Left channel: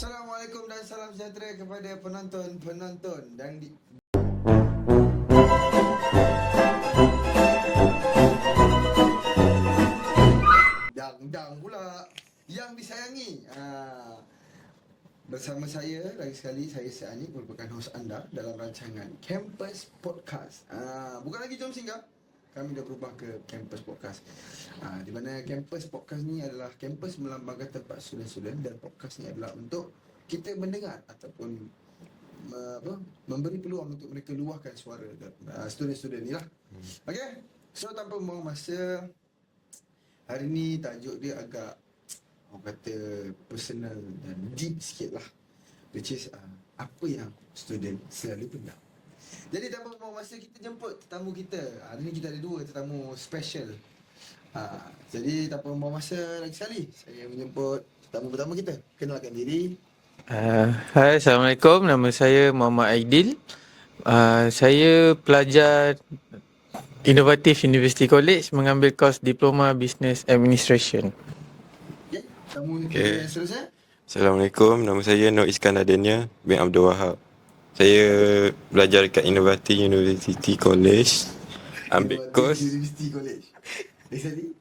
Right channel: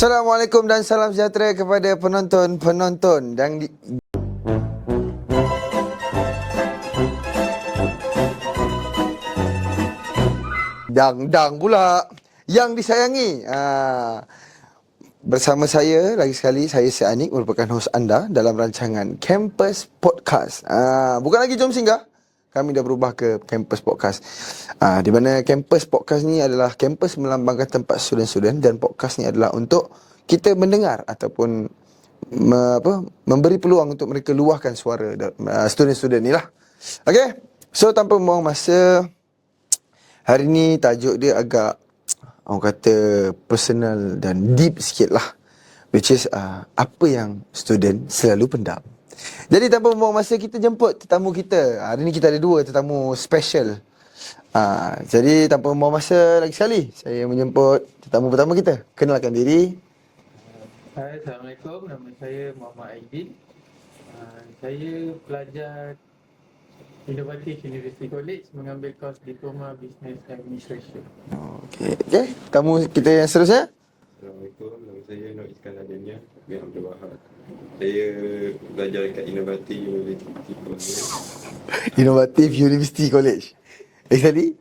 Assalamualaikum dan salam sejahtera kepada penonton-penonton dang pula yang disayangi. Bersama saya lagi sekali, saya si Anik, merupakan hos anda dalam rancangan Campus Podcast. Bukan lagi Jom Singgah, kami dah berubah ke Campus Podcast. Di mana Campus Podcast ni adalah kampus melambangkan tempat student-student, dan podcast ni adalah untuk kita mendengar ataupun memberi peluang untuk mereka luahkan suara student-student ni lah. Okay, so tanpa membuang masa, hari ni tajuk dia agak, orang kata, personal dan deep sikit lah, which is apa yang student selalu pendam. Jadi tanpa membuang masa, kita jemput tetamu kita. Hari ni kita ada dua tetamu special. Jadi tanpa membuang masa lagi sekali, saya menjemput tetamu pertama kita. Kenalkan diri. Hai, Assalamualaikum. Nama saya Muhammad Aidil. Saya pelajar Inovatif University College, mengambil kos Diploma Business Administration. Okay. Tetamu kita yang seterusnya. Assalamualaikum, nama saya Nur Iskandar Dania bin Abdul Wahab. Saya belajar dekat Inovatif University College. Inovatif University College. Tadi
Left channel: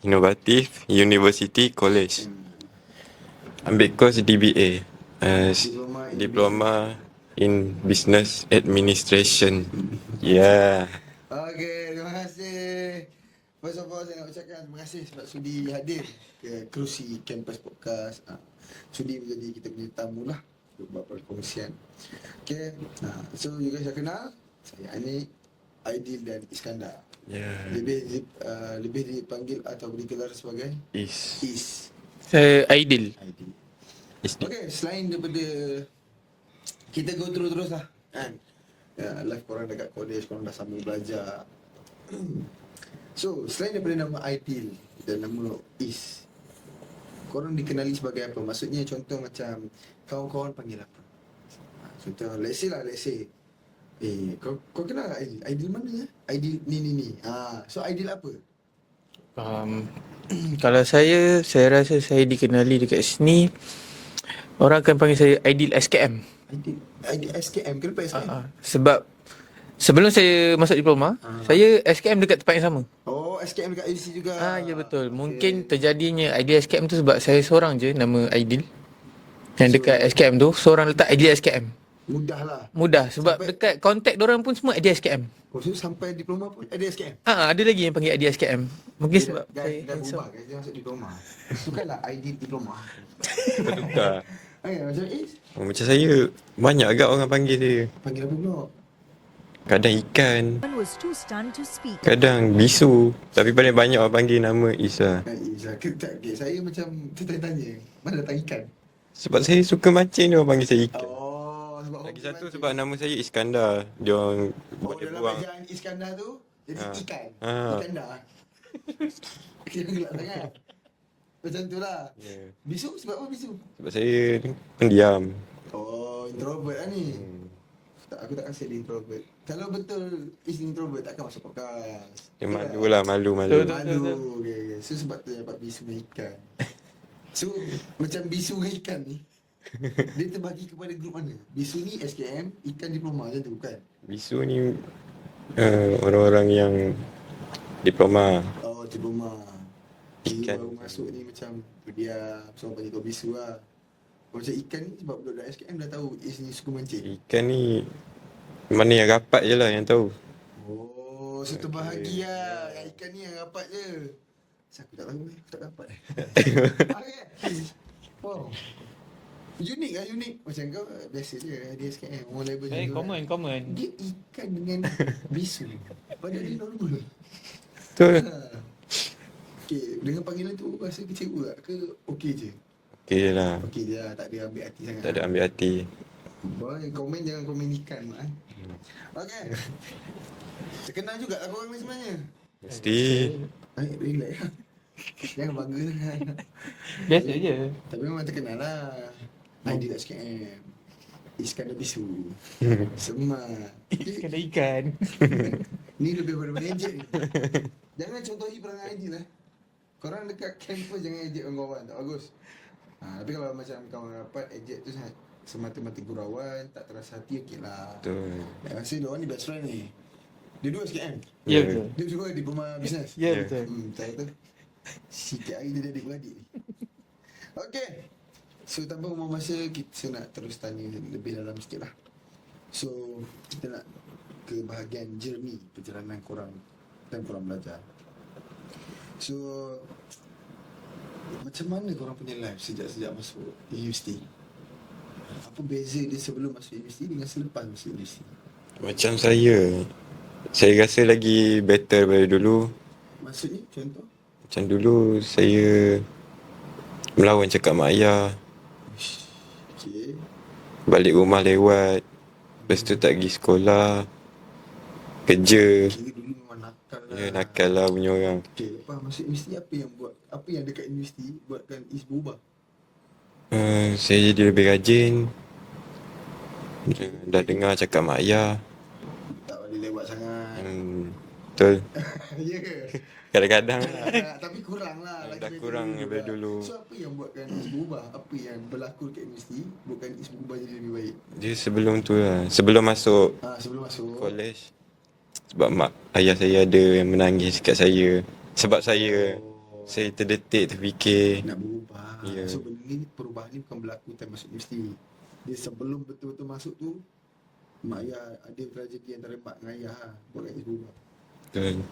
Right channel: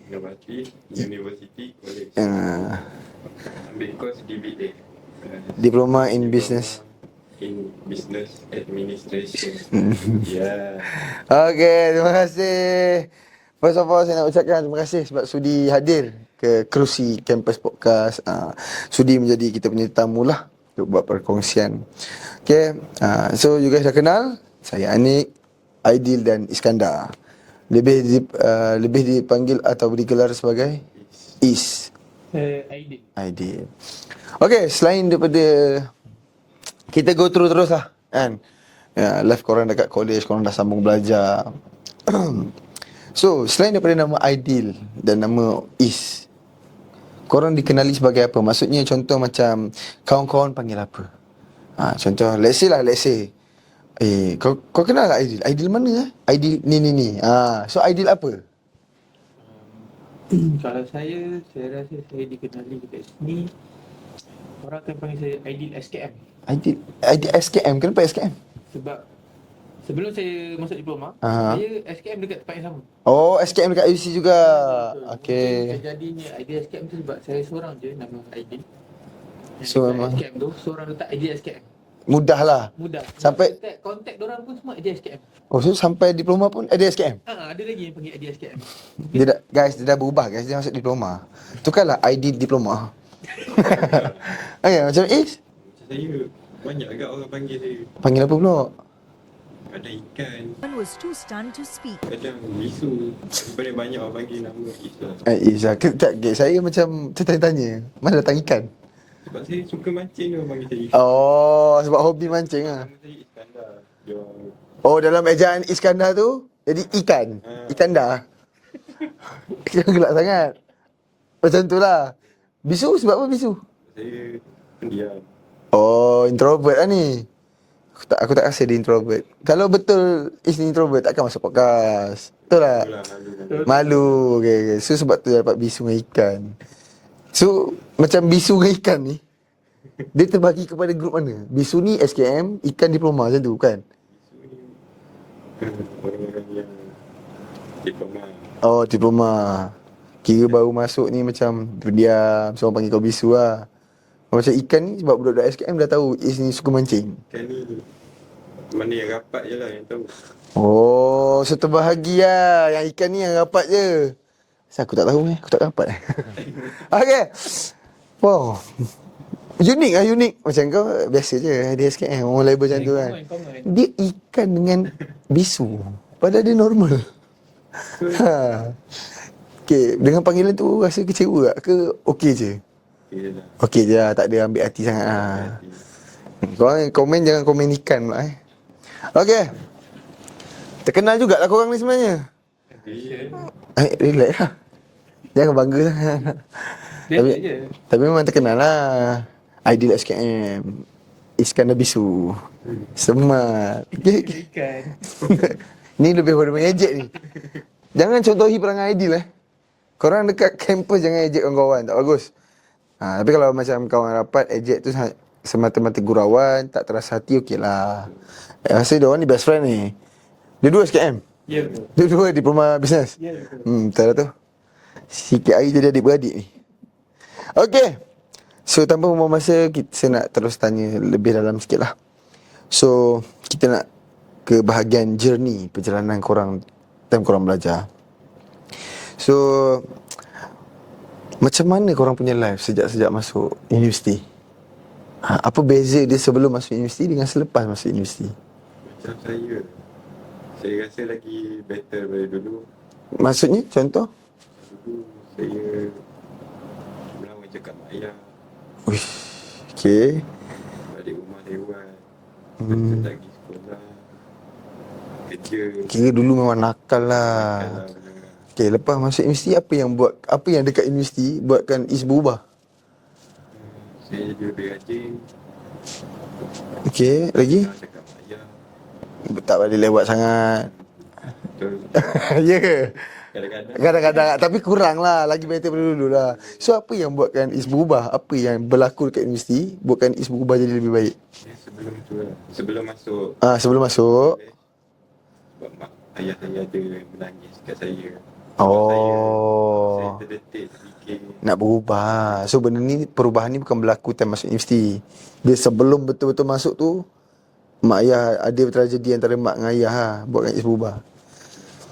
Inovatif University College. Ambil kos DBA. Diploma in Business Administration. Yeah. Okay, terima kasih. First of all, saya nak ucapkan terima kasih sebab sudi hadir ke kerusi Campus Podcast. Sudi menjadi kita punya tetamu lah untuk buat perkongsian. Okay, so you guys dah kenal. Saya Anik, Aidil dan Iskandar. Lebih dipanggil atau digelar sebagai Is. Aidil. Okay, selain daripada kita go through terus lah kan, life korang dekat college, korang dah sambung belajar. So, selain daripada nama Aidil dan nama Is, korang dikenali sebagai apa? Maksudnya contoh macam kawan-kawan panggil apa? Contoh, let's say kau kenal tak Aidil? Aidil mana? Aidil ni. So Aidil apa? Kalau saya rasa saya dikenali dekat sini, orang akan panggil saya Aidil SKM. Aidil SKM. Kenapa SKM? Sebab sebelum saya masuk diploma, saya SKM dekat tempat yang sama. Oh, SKM dekat UC juga. Ya, betul. Okay. Mungkin terjadinya Aidil SKM tu sebab saya seorang je nama Aidil. Yang dekat SKM tu, seorang letak Aidil SKM. Mudah sebab sampai dekat kontak diorang pun semua Aidil SKM. Oh, so sampai diploma pun Aidil SKM? Ada lagi yang panggil Aidil SKM. Mungkin dia dah berubah guys, dia masuk diploma. Tukarlah ID diploma. Okay, macam Is? Macam saya, banyak agak orang panggil dia. Panggil apa pula? Kadang ikan, kadang bisu. Tapi paling banyak orang panggil nama Is lah. Is lah. Saya macam tertanya-tanya, mana datang ikan? Sebab saya suka mancing, dia orang panggil saya ikan. Oh, sebab hobi mancing. Sebab nama saya Iskandar. Dia orang... Oh, dalam ejaan Iskandar tu jadi ikan. Iskandar. Jangan gelak sangat. Macam tu lah. Bisu sebab apa bisu? Sebab saya pendiam. Oh, introvert lah ni. Aku tak rasa dia introvert. Kalau betul Is introvert, takkan masuk podcast. Betul tak? Malu. Okay. So sebab tu dapat bisu dengan ikan. So macam bisu dengan ikan ni, dia terbagi kepada grup mana? Bisu ni SKM, ikan diploma macam tu kan? Bisu ni orang-orang yang diploma. Oh, diploma. Kira baru masuk ni macam pendiam, so orang panggil kau bisu lah. Macam ikan ni sebab budak-budak SKM dah tahu Is ni suka mancing. Ikan ni mana yang rapat je lah yang tahu. Oh, so terbahagi lah. Yang ikan ni yang rapat je. Aku tak tahu aku tak rapat. Okay. Wow. Unik. Macam kau biasa je dia SKM, orang label macam tu kan. Common. Dia ikan dengan bisu. Padahal dia normal. Okay, dengan panggilan tu rasa kecewa tak ke okey je? Okey je lah, tak ada ambil hati sangat lah. Tak ada ambil hati. Korang komen jangan komen ikan pula Okay. Terkenal jugalah korang ni sebenarnya. Mesti. Relax lah. Jangan bangga sangat. Tapi memang terkenal lah. Aidil SKM, Iskandar bisu. Semat. Ikan. Ni lebih pada mengejek ni. Jangan contohi perangai Aidil Korang dekat kampus jangan ejek kawan-kawan, tak bagus. Tapi kalau macam kawan rapat, ejek tu semata-mata gurauan, tak terasa hati, okey lah. Rasa dia orang ni best friend ni. Dua-dua SKM? Ya, betul. Dua-dua diploma bisnes? Ya, betul. Betul lah tu. Sikit hari jadi adik-beradik ni. Okey. So tanpa membuang masa, saya nak terus tanya lebih dalam sikit lah. So kita nak ke bahagian journey perjalanan korang time korang belajar. So macam mana korang punya life sejak masuk universiti? Apa beza dia sebelum masuk universiti dengan selepas masuk universiti? Macam saya rasa lagi better daripada dulu. Maksudnya contoh? Macam dulu saya melawan cakap mak ayah, Uish. Okay. balik rumah lewat, lepas tu tak pergi sekolah, kerja. Kira dulu memang nakal lah. Nakal lah punya orang. Okay, lepas masuk universiti, apa yang dekat universiti buatkan Is berubah? Saya jadi lebih rajin. Okay, Dah lagi? dengar cakap mak ayah. Tak balik lewat sangat. Betul. Ya ke? Kadang-kadang Kadang-kadang, tapi kurang lah. Lagi better daripada dulu lah. So, apa yang buatkan Is berubah? Apa yang berlaku dekat universiti buatkan Is berubah jadi lebih baik? dia sebelum tu lah, sebelum masuk Sebelum masuk. college, sebab mak ayah saya ada yang menangis kat saya. Sebab saya terdetik, terfikir. Nak berubah. So, benda ni, perubahan ni bukan berlaku time masuk universiti. Dia sebelum betul-betul masuk tu, mak ayah ada tragedi antara mak dengan ayah lah, buatkan Is berubah. Betul.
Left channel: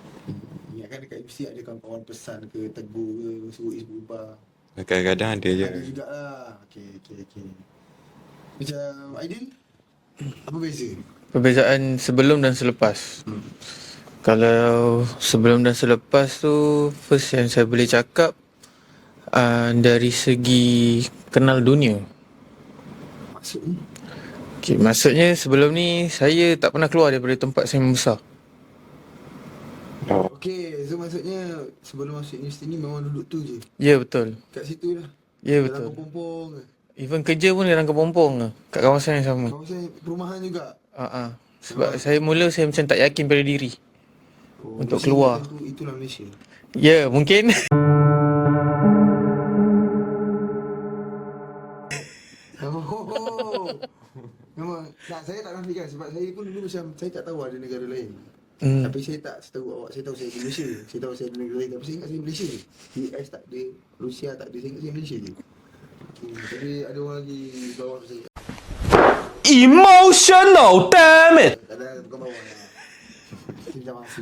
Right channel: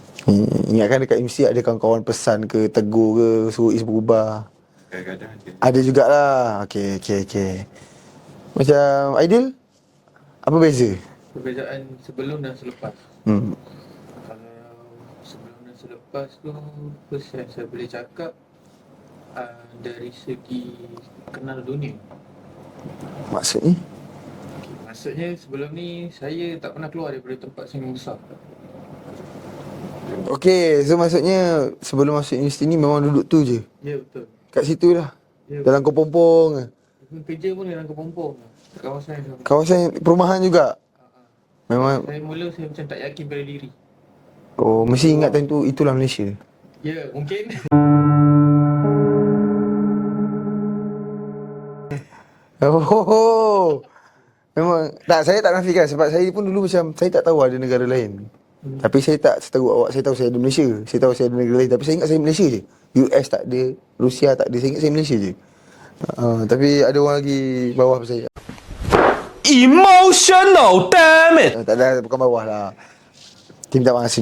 Ingatkan dekat universiti ada kawan-kawan pesan ke, tegur ke, suruh Is berubah. Kadang-kadang ada je. Ada jugalah. Okay. Macam Aidil, apa beza? Perbezaan sebelum dan selepas. Kalau sebelum dan selepas tu, first yang saya boleh cakap dari segi kenal dunia. Maksudnya? Okay, maksudnya sebelum ni saya tak pernah keluar daripada tempat saya membesar. Okay, so maksudnya sebelum masuk universiti ni memang duduk tu je? Ya, betul. Kat situ lah? Ya, Dalam betul. Kepompong ke? Even kerja pun dalam Kepompong ke, kat kawasan yang sama. Kawasan perumahan juga? Sebab Memang- saya macam tak yakin pada diri. Oh, Untuk mesti keluar. ingat time tu itulah Malaysia. Ya, mungkin. Oh, memang tak, saya tak nafikan sebab saya pun dulu macam saya tak tahu ada negara lain. Tapi saya tak seteruk awak, saya tahu saya di Malaysia. Saya tahu saya ada negara lain, tapi saya ingat saya Malaysia je. US tak ada, Rusia tak ada, saya ingat saya Malaysia je. Tapi ada orang lagi bawah saya. Emotional, damn it! Tak ada, bukan bawah lah. Minta maaf.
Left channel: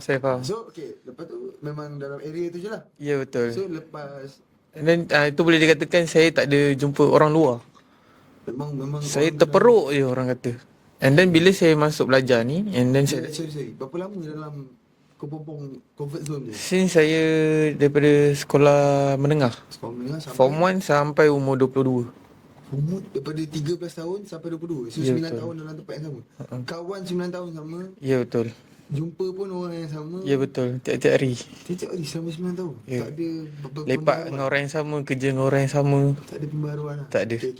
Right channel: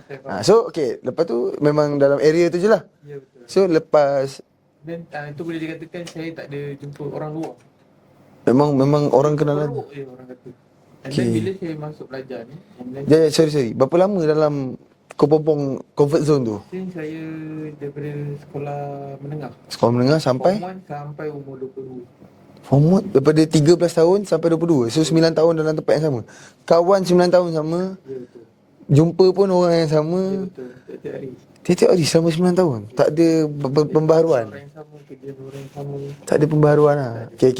Saya faham. So, okay, lepas tu memang dalam area tu je lah. Ya, betul. So, lepas Dan itu boleh dikatakan saya tak ada jumpa orang luar. memang Saya orang kenal. terperuk je orang kata. And then bila saya masuk belajar ni, and then Sorry. Berapa lama dalam Kepompong comfort zone tu? since saya daripada sekolah menengah, Sekolah menengah sampai? Form 1 sampai umur 22. Form 1 daripada 13 tahun sampai 22. So 9 tahun dalam tempat yang sama. Kawan 9 tahun sama. Ya, betul. Jumpa pun orang yang sama. Ya, betul. Tiap-tiap hari. Tiap-tiap hari selama 9 tahun. Ya. Tak ada Lepak pembaharuan. dengan orang yang sama, kerja dengan orang yang sama. Tak ada pembaharuan lah. Tak ada. Okay.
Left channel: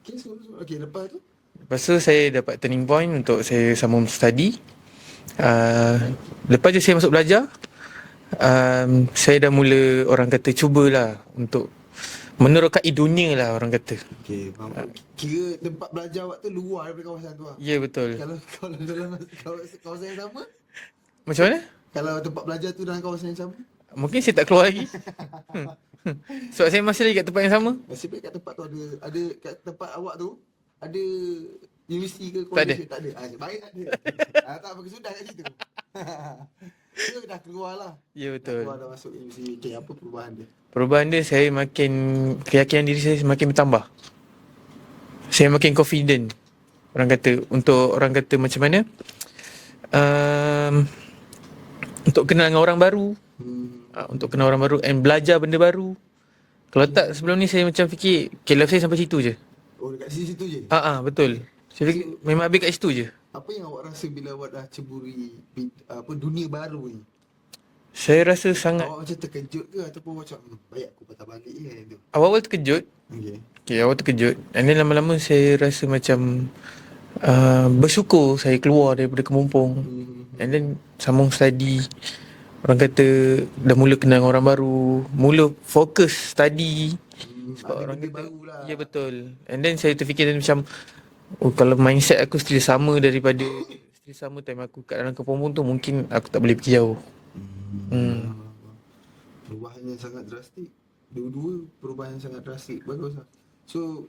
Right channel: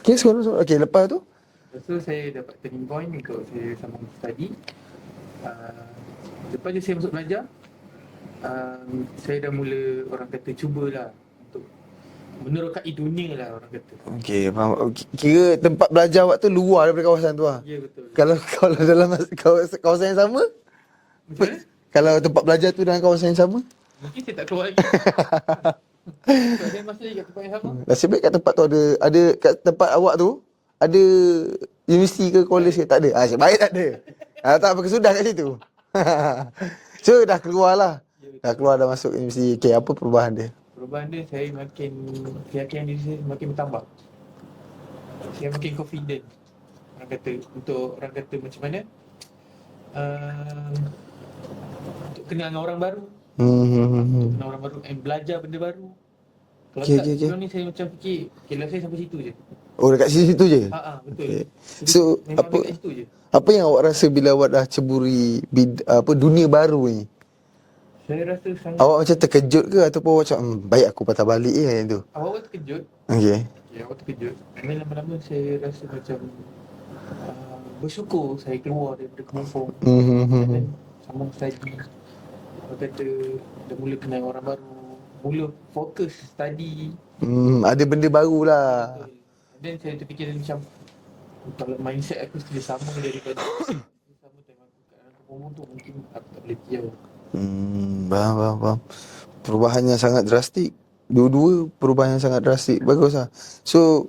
Okay, sekarang. Okay, lepas tu? Lepas tu saya dapat turning point untuk saya sambung study. Lepas je saya masuk belajar, saya dah mula orang kata cubalah untuk menerokai dunia lah orang kata. Okay, faham. Kira tempat belajar awak tu luar daripada kawasan tu lah. Ya, betul. Kalau dalam kawasan yang sama? Macam mana? Kalau tempat belajar tu dalam kawasan yang sama? Mungkin saya tak keluar lagi. Sebab saya masih lagi kat tempat yang sama. Nasib baik kat tempat tu ada kat tempat awak tu ada universiti ke college ke? Tak ada. Nasib baik tak ada. Tak apa, kesudah kat situ. So dah keluar lah. Ya, betul. Dah keluar, dah masuk universiti. Okay, apa perubahan dia? Perubahan dia, saya makin, keyakinan diri saya semakin bertambah. Saya makin confident. Orang kata macam mana? Untuk kenal dengan orang baru. Untuk kenal orang baru and belajar benda baru. Kalau Okay, tak, sebelum ni saya macam fikir, life saya sampai situ je. Oh, dekat situ je? Betul. Saya So, fikir, memang apa- habis kat situ je. Apa yang awak rasa bila awak dah ceburi dunia baru ni? Saya rasa sangat Awak macam terkejut ke ataupun awak macam baik aku patah balik je yang tu? awal-awal terkejut. Okay. Awal terkejut. And then lama-lama saya rasa macam bersyukur saya keluar daripada Kepompong. And then sambung study. Orang kata dah mula kenal orang baru, mula fokus study. Ada benda baru lah. Ya betul. And then saya terfikir macam, kalau mindset aku still sama daripada still sama time aku kat dalam kampung tu, mungkin aku tak boleh pergi jauh. Faham. Perubahannya sangat drastik. Dua-dua perubahan yang sangat drastik. Bagus lah. So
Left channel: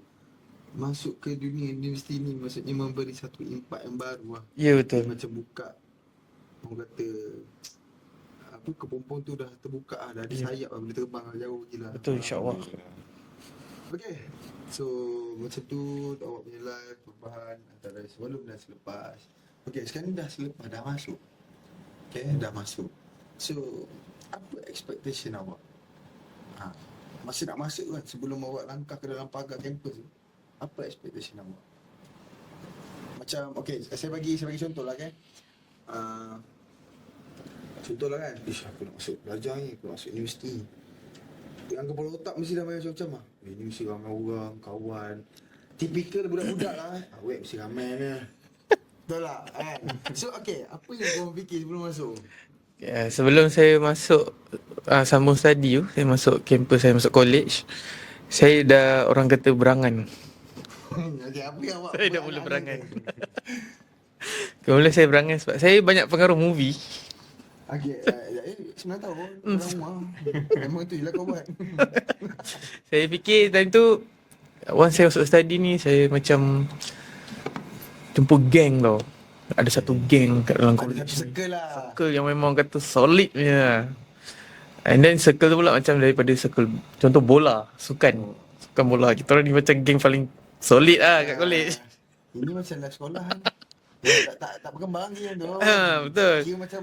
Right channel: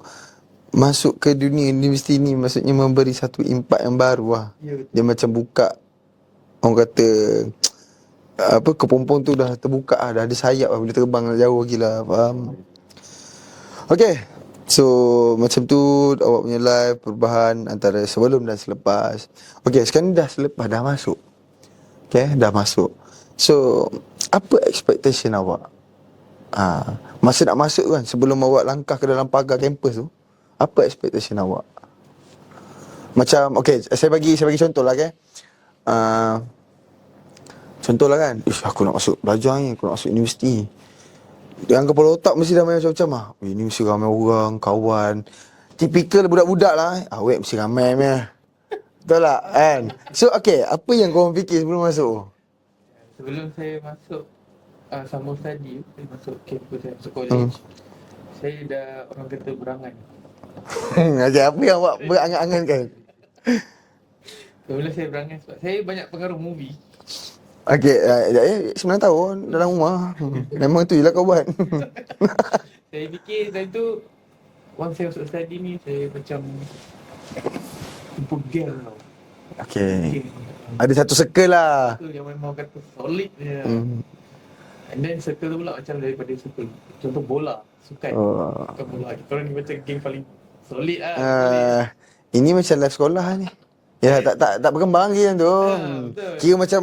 masuk ke dunia universiti ni maksudnya memberi satu impak yang baru lah. Ya Dia betul. macam buka, orang kata kepompong tu dah terbuka lah. Dah ada sayap lah. Boleh terbang jauh lagi lah. Betul, Faham? insyaAllah. Okay. So macam tu awak punya live, perubahan antara sebelum dan selepas. Okay, sekarang dah selepas, dah masuk. Okay, dah masuk. So apa expectation awak? Masa nak masuk kan, sebelum awak langkah ke dalam pagar kampus tu, apa expectation awak? Macam, okay, saya bagi contoh lah, okay. Contoh lah kan, aku nak masuk belajar ni, aku nak masuk universiti. Yang kepala otak mesti dah main macam-macam lah. Ni mesti ramai orang, kawan. Tipikal budak-budak lah. Awet mesti ramai meh. Betul tak kan? So okay, apa yang korang fikir sebelum masuk? Sebelum saya masuk sambung study tu, saya masuk kampus, saya masuk college, saya dah orang kata berangan. Okay, apa yang awak berangan-angankan? Mula saya berangan sebab saya banyak pengaruh movie. Okay, 9 tahun dalam rumah. Memang tu je lah kau buat. Saya fikir time tu, once saya masuk study ni, saya macam jumpa geng tau. Ada satu geng kat dalam Ada satu circle lah. circle yang memang kata solid punya. And then circle tu pula macam daripada circle, contoh bola, sukan. Sukan bola. Kita orang ni macam geng paling solid lah kat college. Ini macam live sekolah ni. Ya, tak berkembang lagi tu. Betul. Kira macam,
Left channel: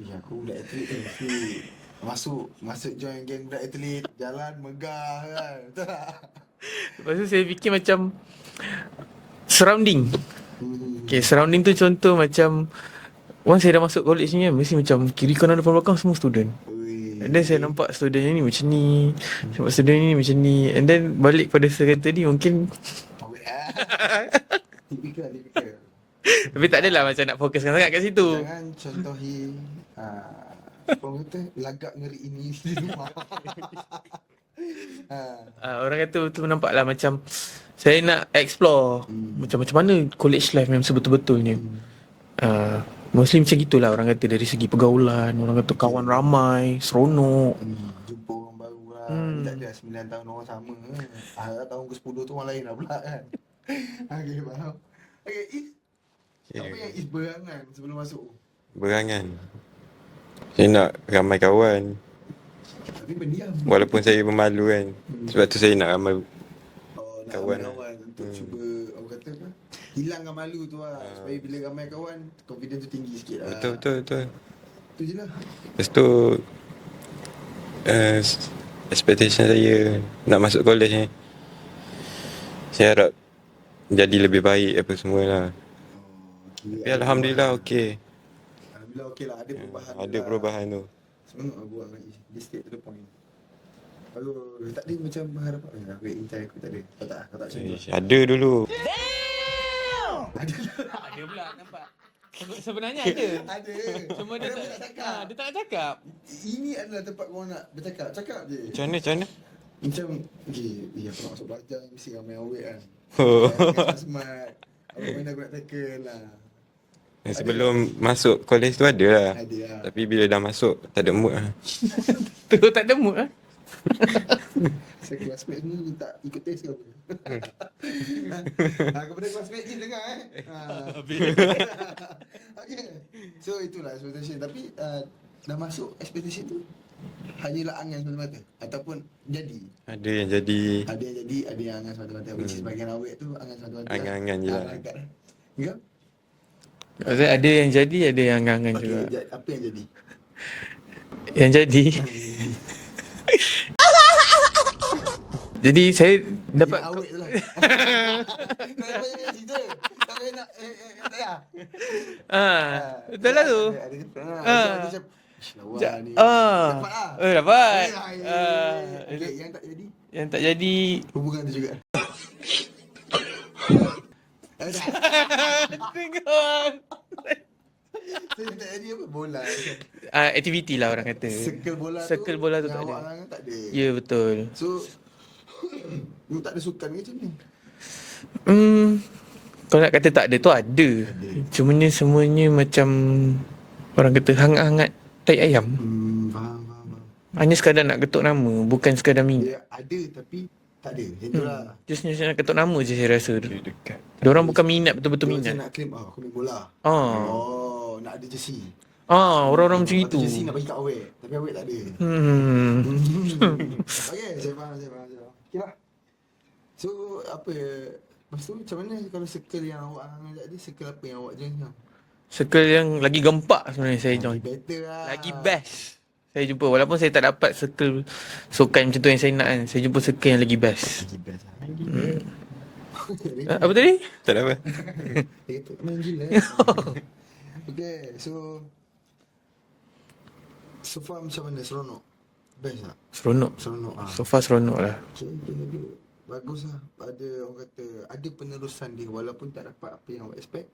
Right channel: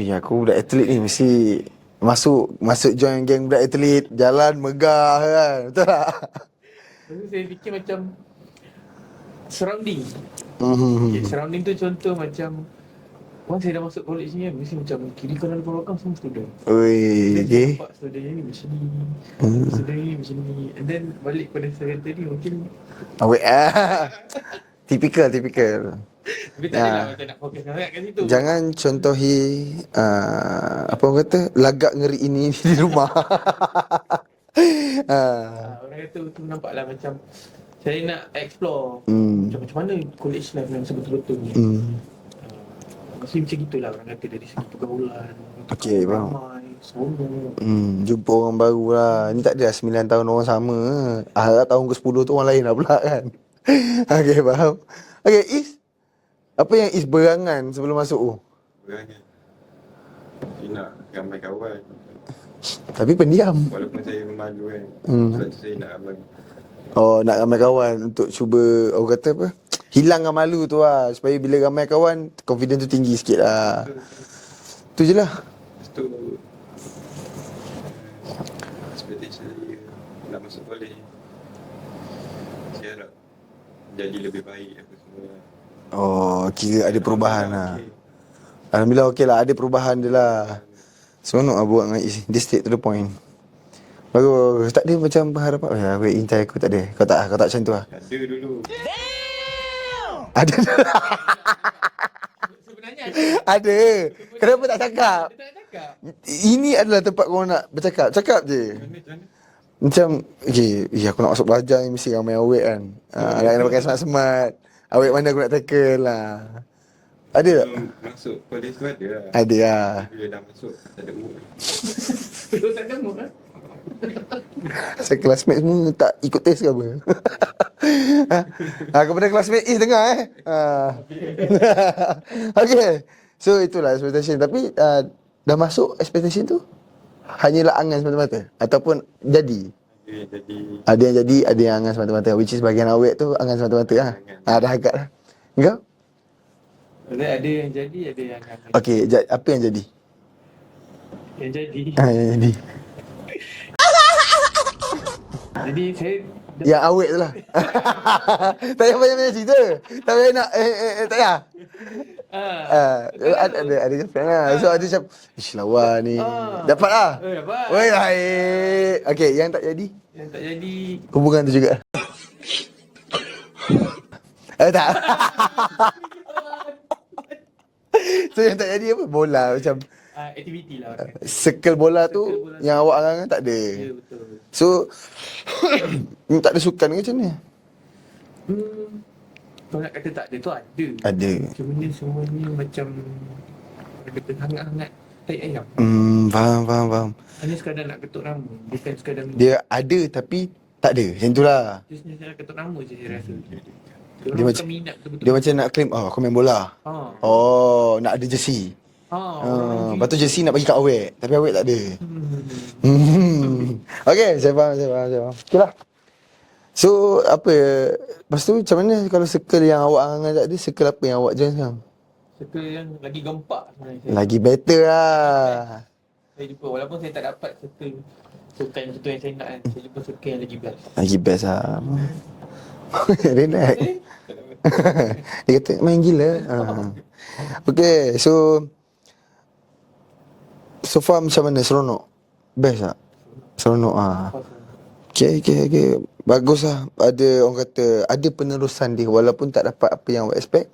aku budak atlet ni mesti masuk join geng budak atlet, jalan megah kan. Betul tak? Lepas tu saya fikir macam surrounding. Okay, surrounding tu contoh macam once saya dah masuk college ni kan, mesti macam kiri kanan depan belakang semua student. Oi. And then saya nampak student ni macam ni, nampak student ni macam ni. And then balik pada serata ni mungkin Awet Typical. tapi tak adalah macam nak fokuskan sangat kat situ. Jangan contohi apa orang kata, lagak ngeri ini di rumah. Orang kata tu nampak lah macam saya nak explore macam mana college life yang sebetul-betulnya. Mostly macam gitulah orang kata, dari segi pergaulan, orang kata kawan ramai, seronok. Jumpa orang baru lah. Ni tak ada 9 tahun orang sama. Harap tahun ke-10 tu orang lain lah pula kan. Okay, faham. Okay, Is, apa yang Is berangan sebelum masuk tu? Berangan. Saya nak ramai kawan. Tapi pendiam. Walaupun saya pemalu kan. Sebab tu saya nak ramai. Nak ramai kawan untuk cuba, orang kata apa, hilangkan malu tu lah. Supaya bila ramai kawan, confidence tu tinggi sikit lah. Betul. Tu je lah. Lepas tu expectation saya nak masuk college ni, saya harap jadi lebih baik apa semua lah. Kira ada perubahan Alhamdulillah lah. okey. Alhamdulillah okey lah. Ada perubahan dia lah. Perubahan tu. Seronok lah buat dengan Is. Dia straight to the point. Bagus. Tak ada macam berharapan, wait, intai aku tak ada. Kau tak macam tu lah. Ada dulu. Ada. Sebenarnya Ada. Kenapa tak cakap? dia tak nak cakap. Ini adalah tempat kau nak bercakap. Cakap je. Macam mana? Macam, aku nak masuk belajar ni mesti ramai awet kan. Jangan pakai smart-smart. Awet mana aku nak tackle lah. Ada Sebelum masuk college tu ada lah. Ada lah. Tapi bila dah masuk, tak ada mood lah. Tu tak ada mood lah. Saya classmate semua tak ikut test ke apa? Kepada classmate Is dengar Okay. So itulah expectation. Tapi dah masuk expectation tu hanyalah angan semata-mata ataupun jadi? Ada yang jadi. Ada yang jadi, ada yang angan semata-mata. Which is bahagian awet tu angan semata-mata lah. Angan je. Dah agak lah. Engkau? Ada yang jadi, ada yang angan-angan. Okay, apa yang jadi? Yang jadi. Yang jadi. Jadi saya dapat Yang awet tu lah. Tak payah banyak cerita. Tak payah nak tak payah. betul lah tu. Ada jawapan lah. So ada macam ish lawa ni. Dapat lah. Dapat. Oi, baik. Okay, yang tak jadi? Yang tak jadi Hubungan tu juga. Tak. So yang tak jadi apa? Bola macam Aktiviti lah orang kata. Circle bola tu Circle bola tu yang tak awak ada. angan tak ada. Ya, betul. So tak ada sukan ke macam ni? Kalau nak kata tak ada tu ada. Ada. Cumanya semuanya macam orang kata hangat-hangat tai ayam. Faham. Hanya sekadar nak ketuk nama, bukan sekadar minat. Dia ada tapi tak ada. Macam tu lah. Just nak ketuk nama je saya rasa. Diorang bukan minat betul-betul Dia minat. macam nak claim, aku main bola. Nak ada jersey. Orang-orang macam Lepas tu itu. jersey nak bagi kat awet. Tapi awet tak ada. Okay, saya faham. Okay lah. So, apa lepas tu macam mana kalau circle yang awak angan tadi, circle apa yang awak join sekarang? Circle yang lagi gempak sebenarnya saya Lagi join. better lah. Lagi best saya jumpa. Walaupun saya tak dapat circle sukan macam tu yang saya nak kan, saya jumpa circle yang lagi best. Lagi best lah. Rena. Apa tadi? Tak ada apa. Dia kata main gila. Okay, so far macam mana? Seronok? Best tak? Seronok. Seronok So far seronok lah. Okay. Bagus lah. Ada orang kata, ada penerusan dia. Walaupun tak dapat apa yang awak expect,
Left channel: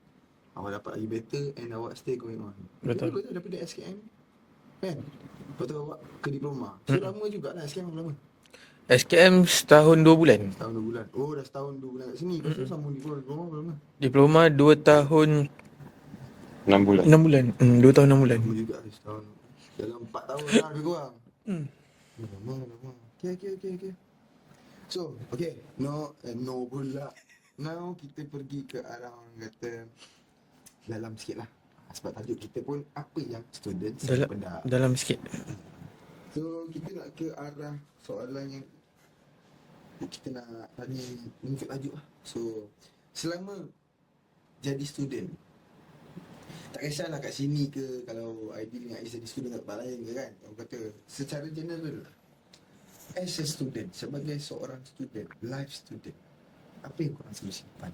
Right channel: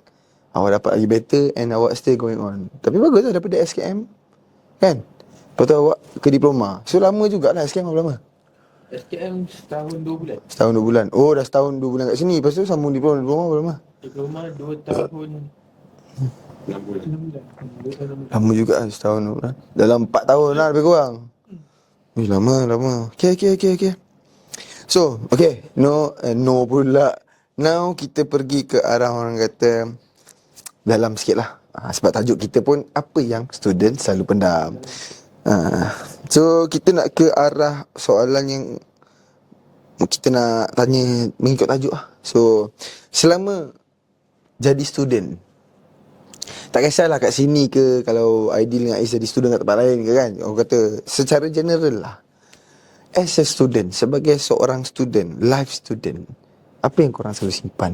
awak dapat lagi better and awak still going on. Tapi bagus lah daripada SKM. Kan? Lepas tu awak ke diploma. So lama jugalah SKM berapa lama? SKM setahun 2 bulan. Setahun 2 bulan. Oh, dah setahun 2 bulan kat sini. Lepas tu sambung diploma berapa lama? Diploma 2 tahun 6 bulan. 6 bulan. 2 tahun 6 bulan. Lama juga lah, setahun 2 bulan. Dalam 4 tahun lah lebih kurang. Lama. Okay. So, okay. No pula. Now kita pergi ke arah orang kata dalam sikit lah. Sebab tajuk kita pun apa yang student selalu pendam. Dalam sikit. So kita nak ke arah soalan yang kita nak tanya mengikut tajuk lah. So selama jadi student, tak kisahlah kat sini ke, kalau ideal dengan Ais jadi student kat tempat lain ke kan, orang kata secara general lah, as a student, sebagai seorang student, life student, apa yang korang selalu simpan?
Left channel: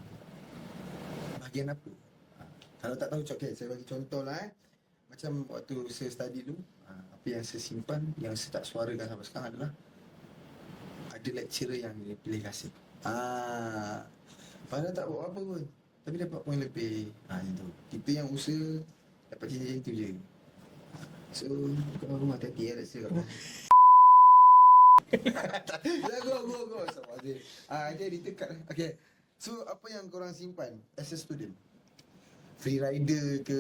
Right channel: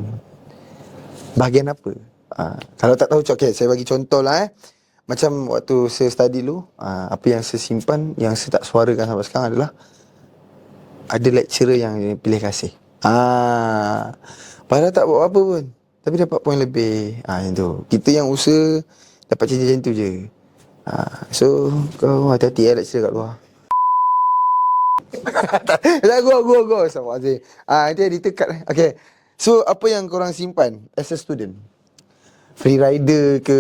Bahagian apa? Kalau tak tahu, okay, saya bagi contoh lah Macam waktu saya study dulu, apa yang saya simpan, yang saya tak suarakan sampai sekarang adalah ada lecturer yang pilih kasih. Padahal tak buat apa pun, tapi dapat poin lebih. Yang tu. Kita yang usaha dapat cerita macam tu je. So kau hati-hati lecturer kat luar. Tak, go. Sama Azim. Nanti editor cut. Okay. So apa yang korang simpan as a student? Free rider ke,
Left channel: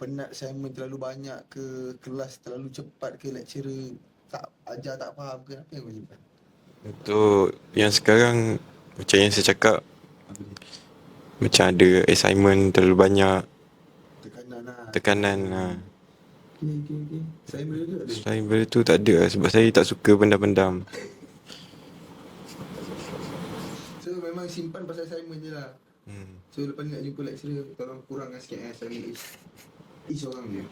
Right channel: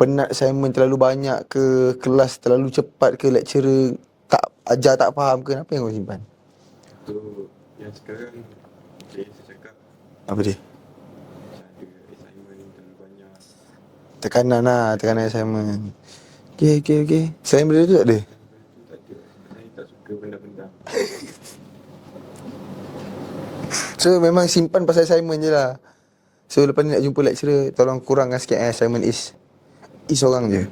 penat assignment terlalu banyak ke, kelas terlalu cepat ke, lecturer tak ajar tak faham ke, apa yang kau simpan? Untuk yang sekarang, macam yang saya cakap, Apa dia? macam ada assignment terlalu banyak. Tekanan assignment. Okay. Selain benda tu tak ada? Selain benda tu tak ada lah, sebab saya tak suka pendam-pendam. So memang simpan pasal assignment je lah. So lepas ni nak jumpa lecturer, tolong kurangkan sikit assignment is orang je.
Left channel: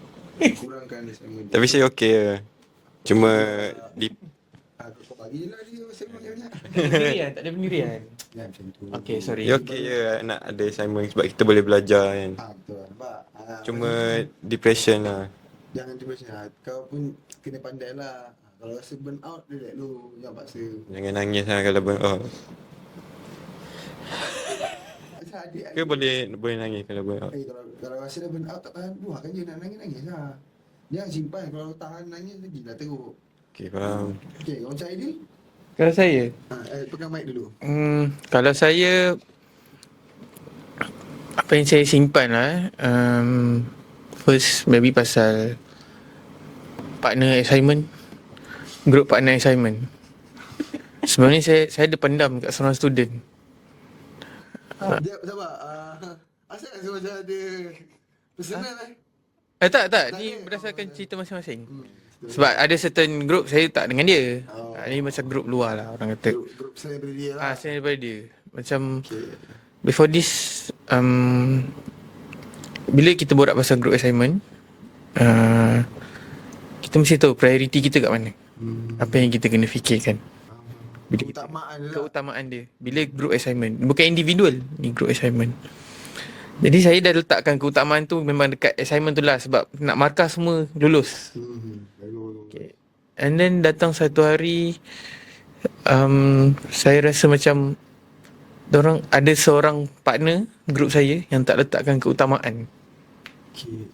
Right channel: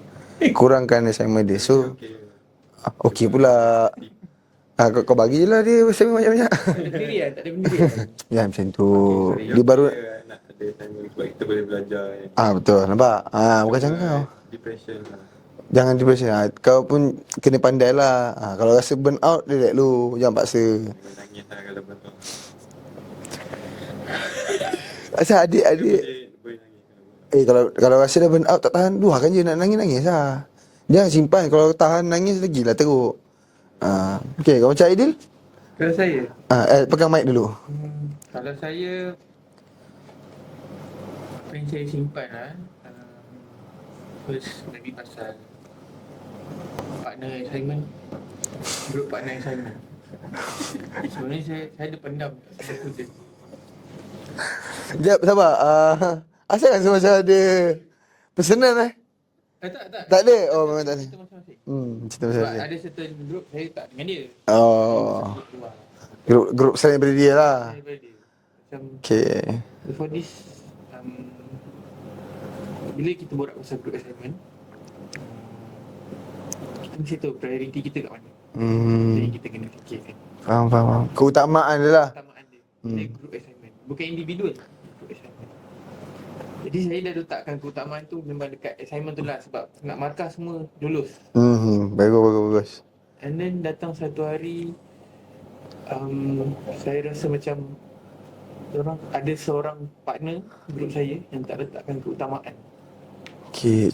Kurangkan assignment dia. Tapi so, saya okey lah. okey Cuma pula. di, Kau bagilah dia assignment banyak-banyak. Pendirian, tak ada pendirian. Ya macam tu. Okay, sorry. dia Dia baru okey je nak ada assignment sebab kita boleh belajar kan. betul, nampak? Bukan Cuma macam kau. depression lah. Jangan depression. Kau pun kena pandai lah. Kalau rasa burn out, relax dulu. Jangan paksa. Jangan nangis lah kalau burn out. Asal Dia adik-adik boleh nangis kalau burn out. kalau rasa dah burn out tak tahan, luahkan je, nak nangis-nangis lah. Jangan simpan. Kalau tahan nangis lagi lah teruk. Okey, faham. Okay, kau macam Aidil? Kalau saya, Pegang mic dulu. kalau saya, apa yang saya simpan lah, first maybe pasal partner assignment, group partner assignment. Sebenarnya saya ada pendam kat seorang student. Sekejap, sabar. Asal rasa macam ada personal Tak. Tak ada? Berdasarkan Tak ada. cerita masing-masing. cerita Sebab ada certain group saya tak dengan dia. Ini macam group luar lah orang kata. Grup selain daripada dia lah. Saya daripada dia. Macam Okay. before this, bila kita borak pasal group assignment, kita mesti tahu priority kita kat mana. Apa yang kita kena fikirkan. Faham. Keutamaan dia lah. Keutamaan dia. Bila group assignment, bukan individual, ni group assignment. Jadi saya dah letakkan keutamaan tu memang dekat assignment tu lah, sebab nak markah semua lulus. Bagus. And then datang satu hari, saya rasa macam ada seorang partner group saya yang tak letakkan keutamaan. Okay,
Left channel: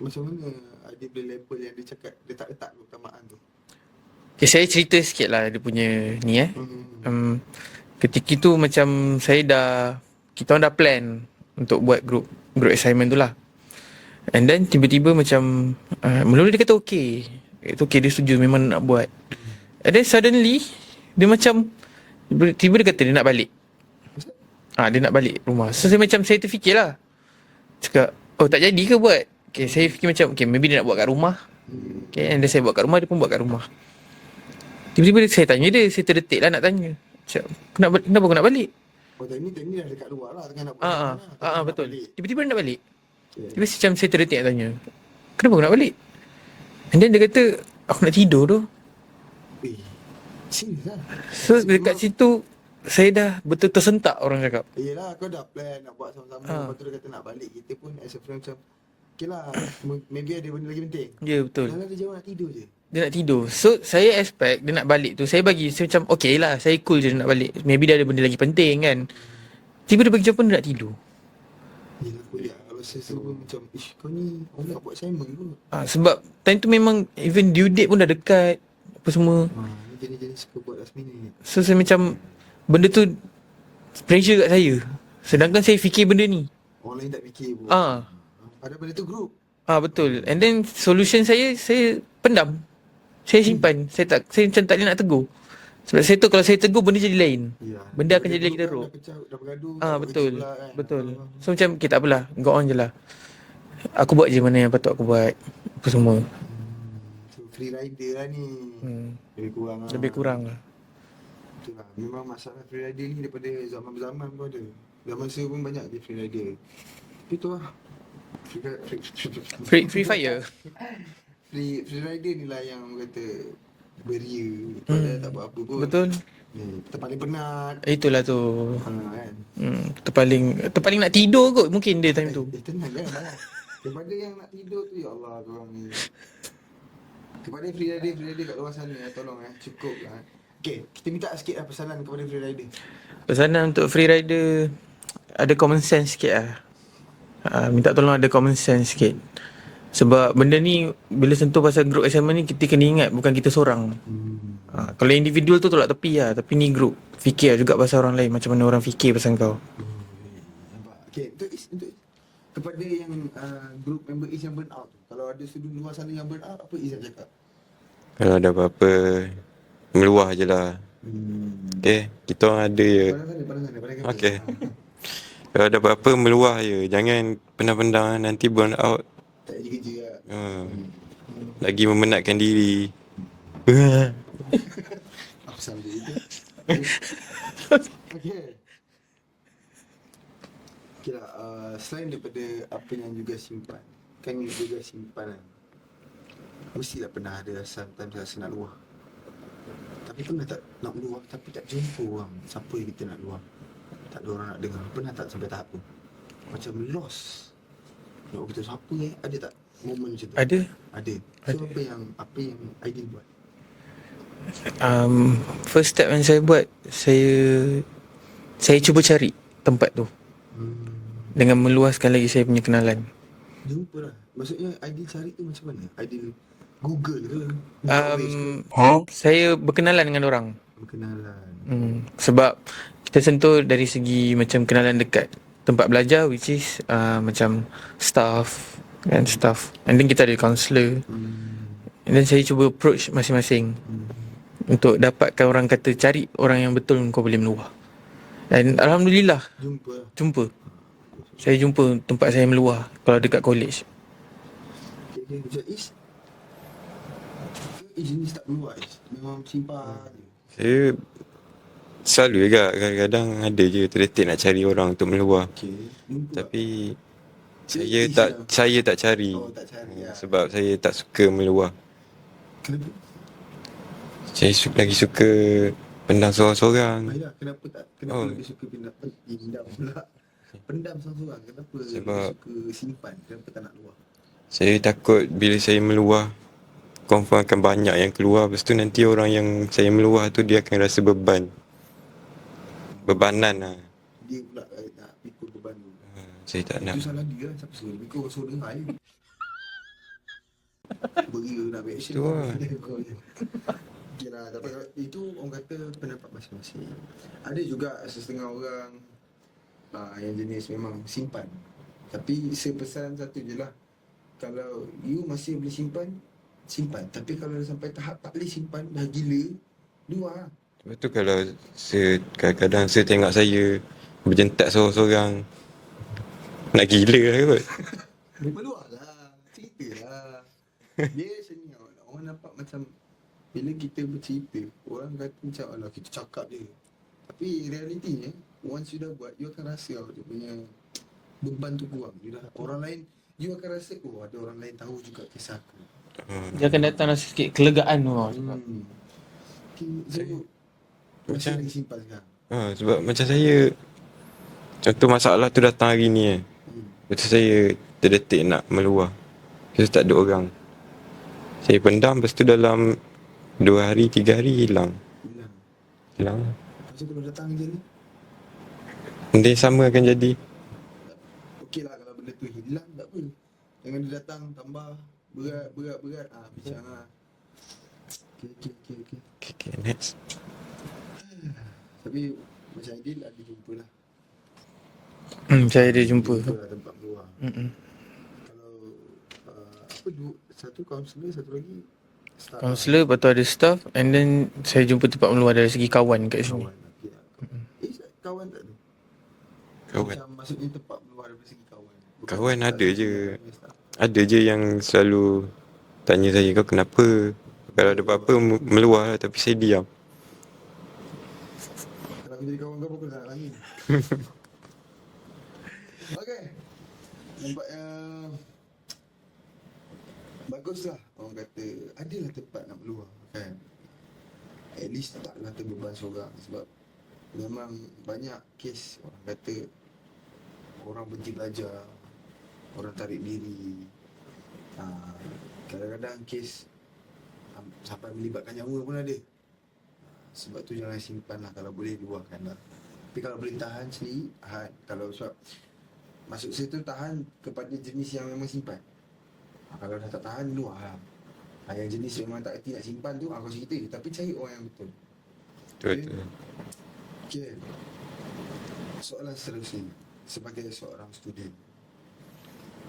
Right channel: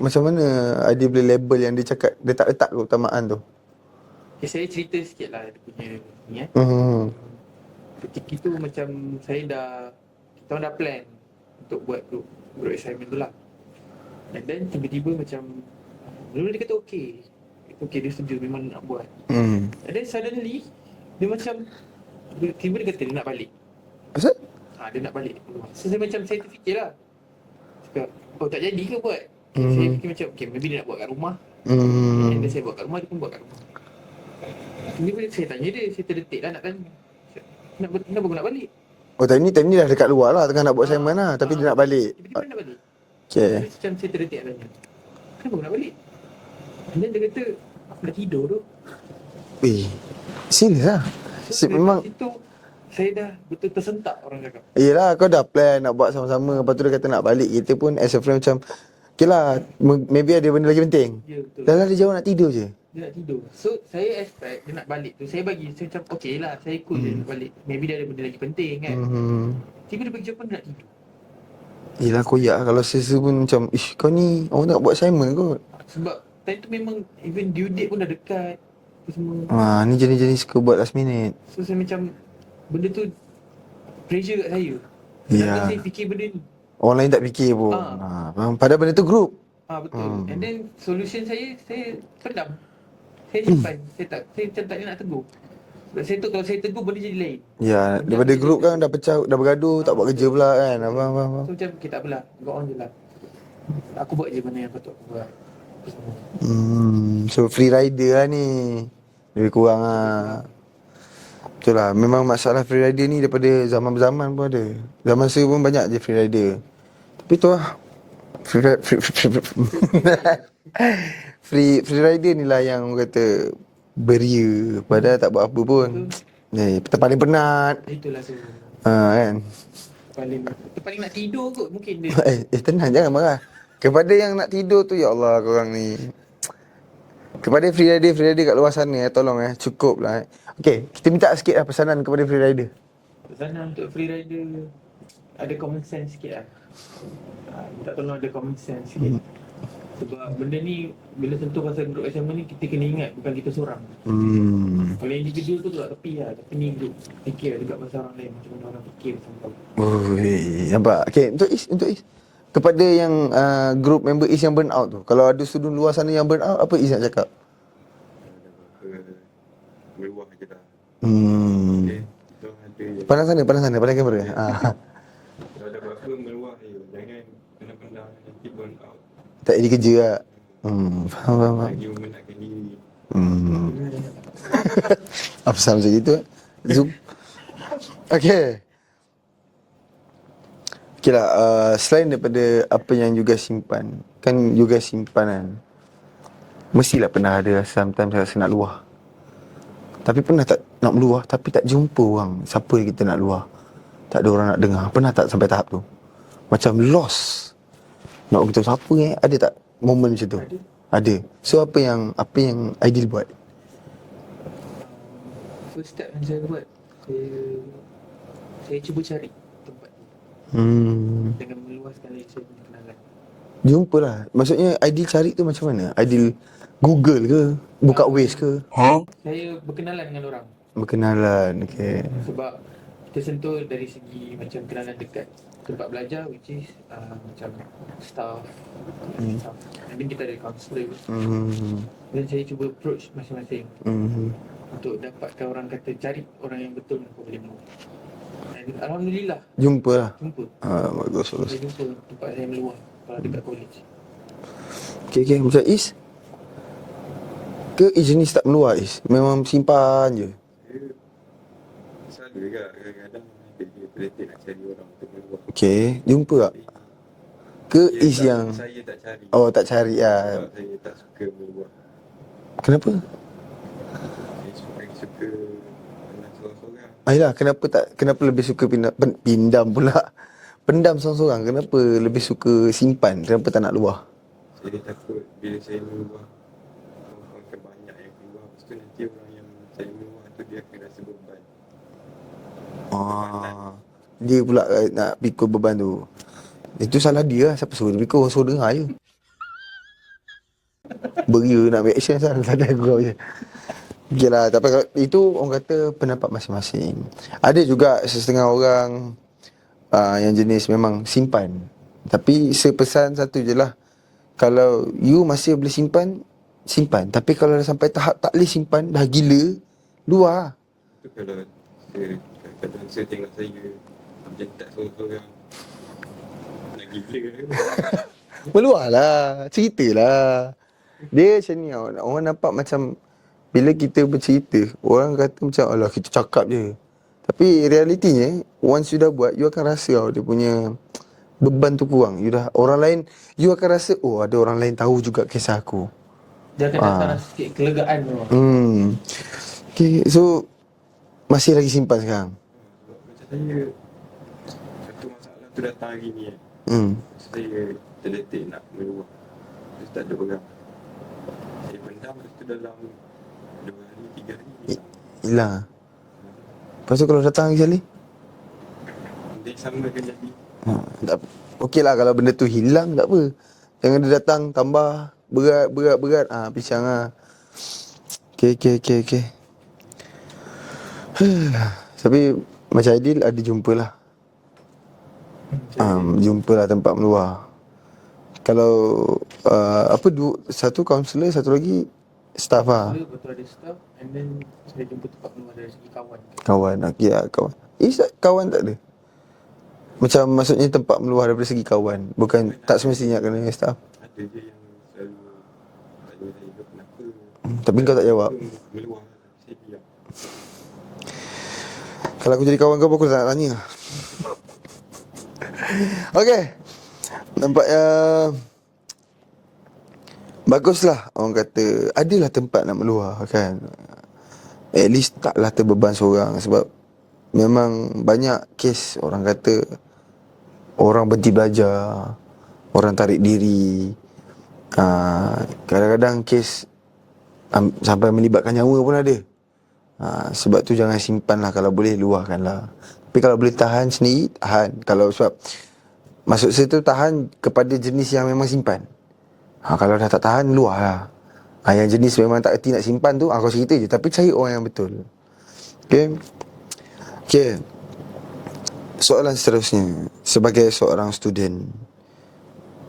macam mana Aidil boleh label yang dia cakap dia tak letak keutamaan tu? Okay, saya cerita sikit lah dia punya ni Hmm. Ketika tu macam kita orang dah plan untuk buat group assignment tu lah. And then tiba-tiba macam mula-mula dia kata okay. Itu okay, dia setuju memang nak buat. And then suddenly dia macam tiba dia kata dia nak balik. Asal? Dia nak balik rumah. So saya terfikir lah. Cakap, oh tak jadi ke buat? Okay, saya fikir macam, okay, maybe dia nak buat kat rumah. Okay, and then saya buat kat rumah, dia pun buat kat rumah. Tiba-tiba saya tanya dia, saya terdetik lah nak tanya. Cakap, kenapa aku nak balik? Oh, time ni dah dekat luar lah, tengah nak buat assignment lah, tapi dia nak betul. balik. Tiba-tiba dia nak balik. Okay. Terus macam saya terdetik nak tanya, kenapa aku nak balik? And then dia kata, aku nak tidur tu. Serius lah? So dekat situ, saya dah betul tersentak orang cakap. Yelah, kau dah plan nak buat sama-sama. Lepas tu dia kata nak balik. Kita pun as a friend macam, okay lah, maybe ada benda lagi penting. Ya, betul. Dah lah dia jawab nak tidur je. Dia nak tidur. So saya expect dia nak balik tu, saya macam okay lah, saya cool je dia nak balik. Maybe dia ada benda lagi penting kan. Tiba dia bagi jawapan dia nak tidur. Yelah, koyak kalau sesu pun macam, kau ni orang nak buat assignment kot. Sebab time tu memang even due date pun dah dekat, apa semua. Ni jenis-jenis suka buat last minute. So saya macam, benda tu pressure kat saya. Sedangkan saya fikir benda ni. Orang lain tak fikir pun. Padahal benda tu group. Betul. And then solution saya pendam. Saya simpan. Saya macam tak boleh nak tegur. Sebab saya tu kalau saya tegur benda jadi lain. Ya, benda daripada akan group jadi kan dah pecah, dah bergaduh, tak buat betul. kerja pula kan. Betul. Abang. So macam kita tak apalah, go on je lah. Aku buat je mana yang patut aku buat. Apa semua. So free rider lah ni. Lebih kurang lah. Lebih kurang lah. Betul lah. Memang masalah free rider ni daripada zaman-zaman pun ada. Zaman saya pun banyak je free rider. Tapi tu lah. Free fire. Free rider ni lah yang orang kata beria. Padahal tak buat apa pun. Betul. Terpaling penat. Itulah tu. Kan. Terpaling nak tidur kot mungkin dia tu. Tenang, jangan marah. Kepada yang nak tidur tu, ya Allah korang ni. Kepada free rider kat luar sana, tolong cukup lah. Okay, kita minta sikit lah pesanan kepada free rider. Pesanan untuk free rider, ada common sense sikit lah. Minta tolong ada common sense sikit. Sebab benda ni, bila sentuh pasal group assignment ni, kita kena ingat bukan kita seorang. Kalau individual tu tolak tepi lah. Tapi ni group, fikir juga pasal orang lain. Macam mana orang fikir pasal kau. Nampak? Okay, untuk Is. Kepada yang group member Is yang burn out tu, kalau ada student luar sana yang burn out, apa Is nak cakap? Kalau ada apa-apa, meluah je lah. Okay, kita orang ada je. Pandang kamera. Okay. Kalau ada apa-apa, meluah je. Jangan pendam-pendam nanti burn out. Tak jadi kerja lah. Faham. Lagi memenatkan diri. Apa sama macam itu? Okay. Okay lah, selain daripada apa yang juga simpan, kan juga simpanan, mestilah pernah ada sometimes rasa nak luah. Tapi pernah tak nak meluah, tapi tak jumpa orang siapa yang kita nak luah. Tak ada orang nak dengar. Pernah tak sampai tahap tu? Macam lost. Nak beritahu siapa ada tak momen macam tu? Ada. So apa yang Aidil buat? First step yang saya buat, saya cuba cari tempat tu. Dengan meluaskan lagi saya punya kenalan. Jumpalah. Maksudnya Aidil cari tu macam mana? Aidil Google ke? Buka Waze ke? Saya berkenalan dengan orang. Berkenalan, okay. Sebab kita sentuh dari segi macam kenalan dekat tempat belajar, which is macam staff and stuff. And then kita ada counselor. And then saya cuba approach masing-masing untuk dapatkan orang kata cari orang yang betul kau boleh meluah. Dan Alhamdulillah Jumpa. Bagus. Saya jumpa tempat saya meluah kalau dekat college. Okay. Macam Is? Ke Is jenis tak meluah Is? Memang simpan je? Saya selalu juga. Kadang-kadang ada je terdetik nak cari orang untuk meluah. Okay. Jumpa tak? Tapi saya tak cari. Oh, tak cari lah. Sebab saya tak suka meluah. Kenapa? Saya lagi suka pendam seorang-seorang. Ayolah, kenapa lebih suka pindam pula? Pendam seorang-seorang. Kenapa lebih suka simpan? Kenapa tak nak luah? Saya takut bila saya meluah, confirm akan banyak yang keluar. Lepas tu nanti orang yang saya meluah tu dia akan rasa beban. Bebanan lah. Dia pula nak pikul beban tu. Saya tak Itu salah dia lah. Siapa suruh dia berikut? Orang suruh dengar je. Beria nak ambil action kan? Tak ada gurau je. Okay lah. Tapi kalau itu orang kata pendapat masing-masing. Ada juga setengah orang yang jenis memang simpan. Tapi saya pesan satu je lah. Kalau you masih boleh simpan, simpan. Tapi kalau dah sampai tahap tak boleh simpan, dah gila, luar. Lepas tu kalau kadang-kadang saya tengok saya berjentak seorang-seorang, nak gila lah kot. Meluar lah, cerita lah. Dia macam ni tau. Orang nampak macam bila kita bercerita, orang kata macam alah kita cakap je. Tapi realitinya, once you dah buat, you akan rasa tau dia punya beban tu kurang. You dah, orang lain, you akan rasa, oh ada orang lain tahu juga kisah aku. Dia akan datang rasa sikit kelegaan tu. Okay, so masih lagi simpan sekarang? Sebab macam saya, contoh masalah tu datang hari ni Lepas tu saya terdetik nak meluah. Lepas tu tak ada orang. Saya pendam, lepas tu dalam 2 hari, 3 hari hilang. Hilang. Hilang. Lepas tu kalau datang lagi sekali? Benda yang sama akan jadi. Okey lah kalau benda tu hilang tak apa. Jangan dia datang tambah berat. Pisang lah. Okay, Next. Tapi macam Aidil ada jumpa lah. Saya ada Jumpa lah tempat meluah. Kalau satu kaunselor, satu lagi staff lah. Kaunselor, lepas tu ada staff. And then saya jumpa tempat meluar dari segi kawan kat sini. Kawan, okey lah kawan. Kawan tak ada? Macam maksudnya tempat meluah daripada segi kawan. Bukan Kawan tak ada semestinya je. kena staff. Ada je yang selalu tanya saya, kau kenapa? Tapi Kalau kau ada tak apa-apa jawab. meluah lah, tapi saya diam. Kalau aku jadi kawan kau, aku tak nak tanya. Okey. Nampaknya baguslah orang kata adalah tempat nak meluah kan. At least taklah terbeban seorang. Sebab memang banyak kes orang kata orang berhenti belajar, orang tarik diri. Kadang-kadang kes sampai melibatkan nyawa pun ada. Sebab tu jangan simpan lah. Kalau boleh luahkanlah. Tapi kalau boleh tahan sendiri, tahan. Kalau sebab maksud saya tu tahan kepada jenis yang memang simpan. Kalau dah tak tahan, luah lah. Yang jenis memang tak erti nak simpan tu, kau cerita je. Tapi cari orang yang betul. Okay. Soalan seterusnya. Sebagai seorang student,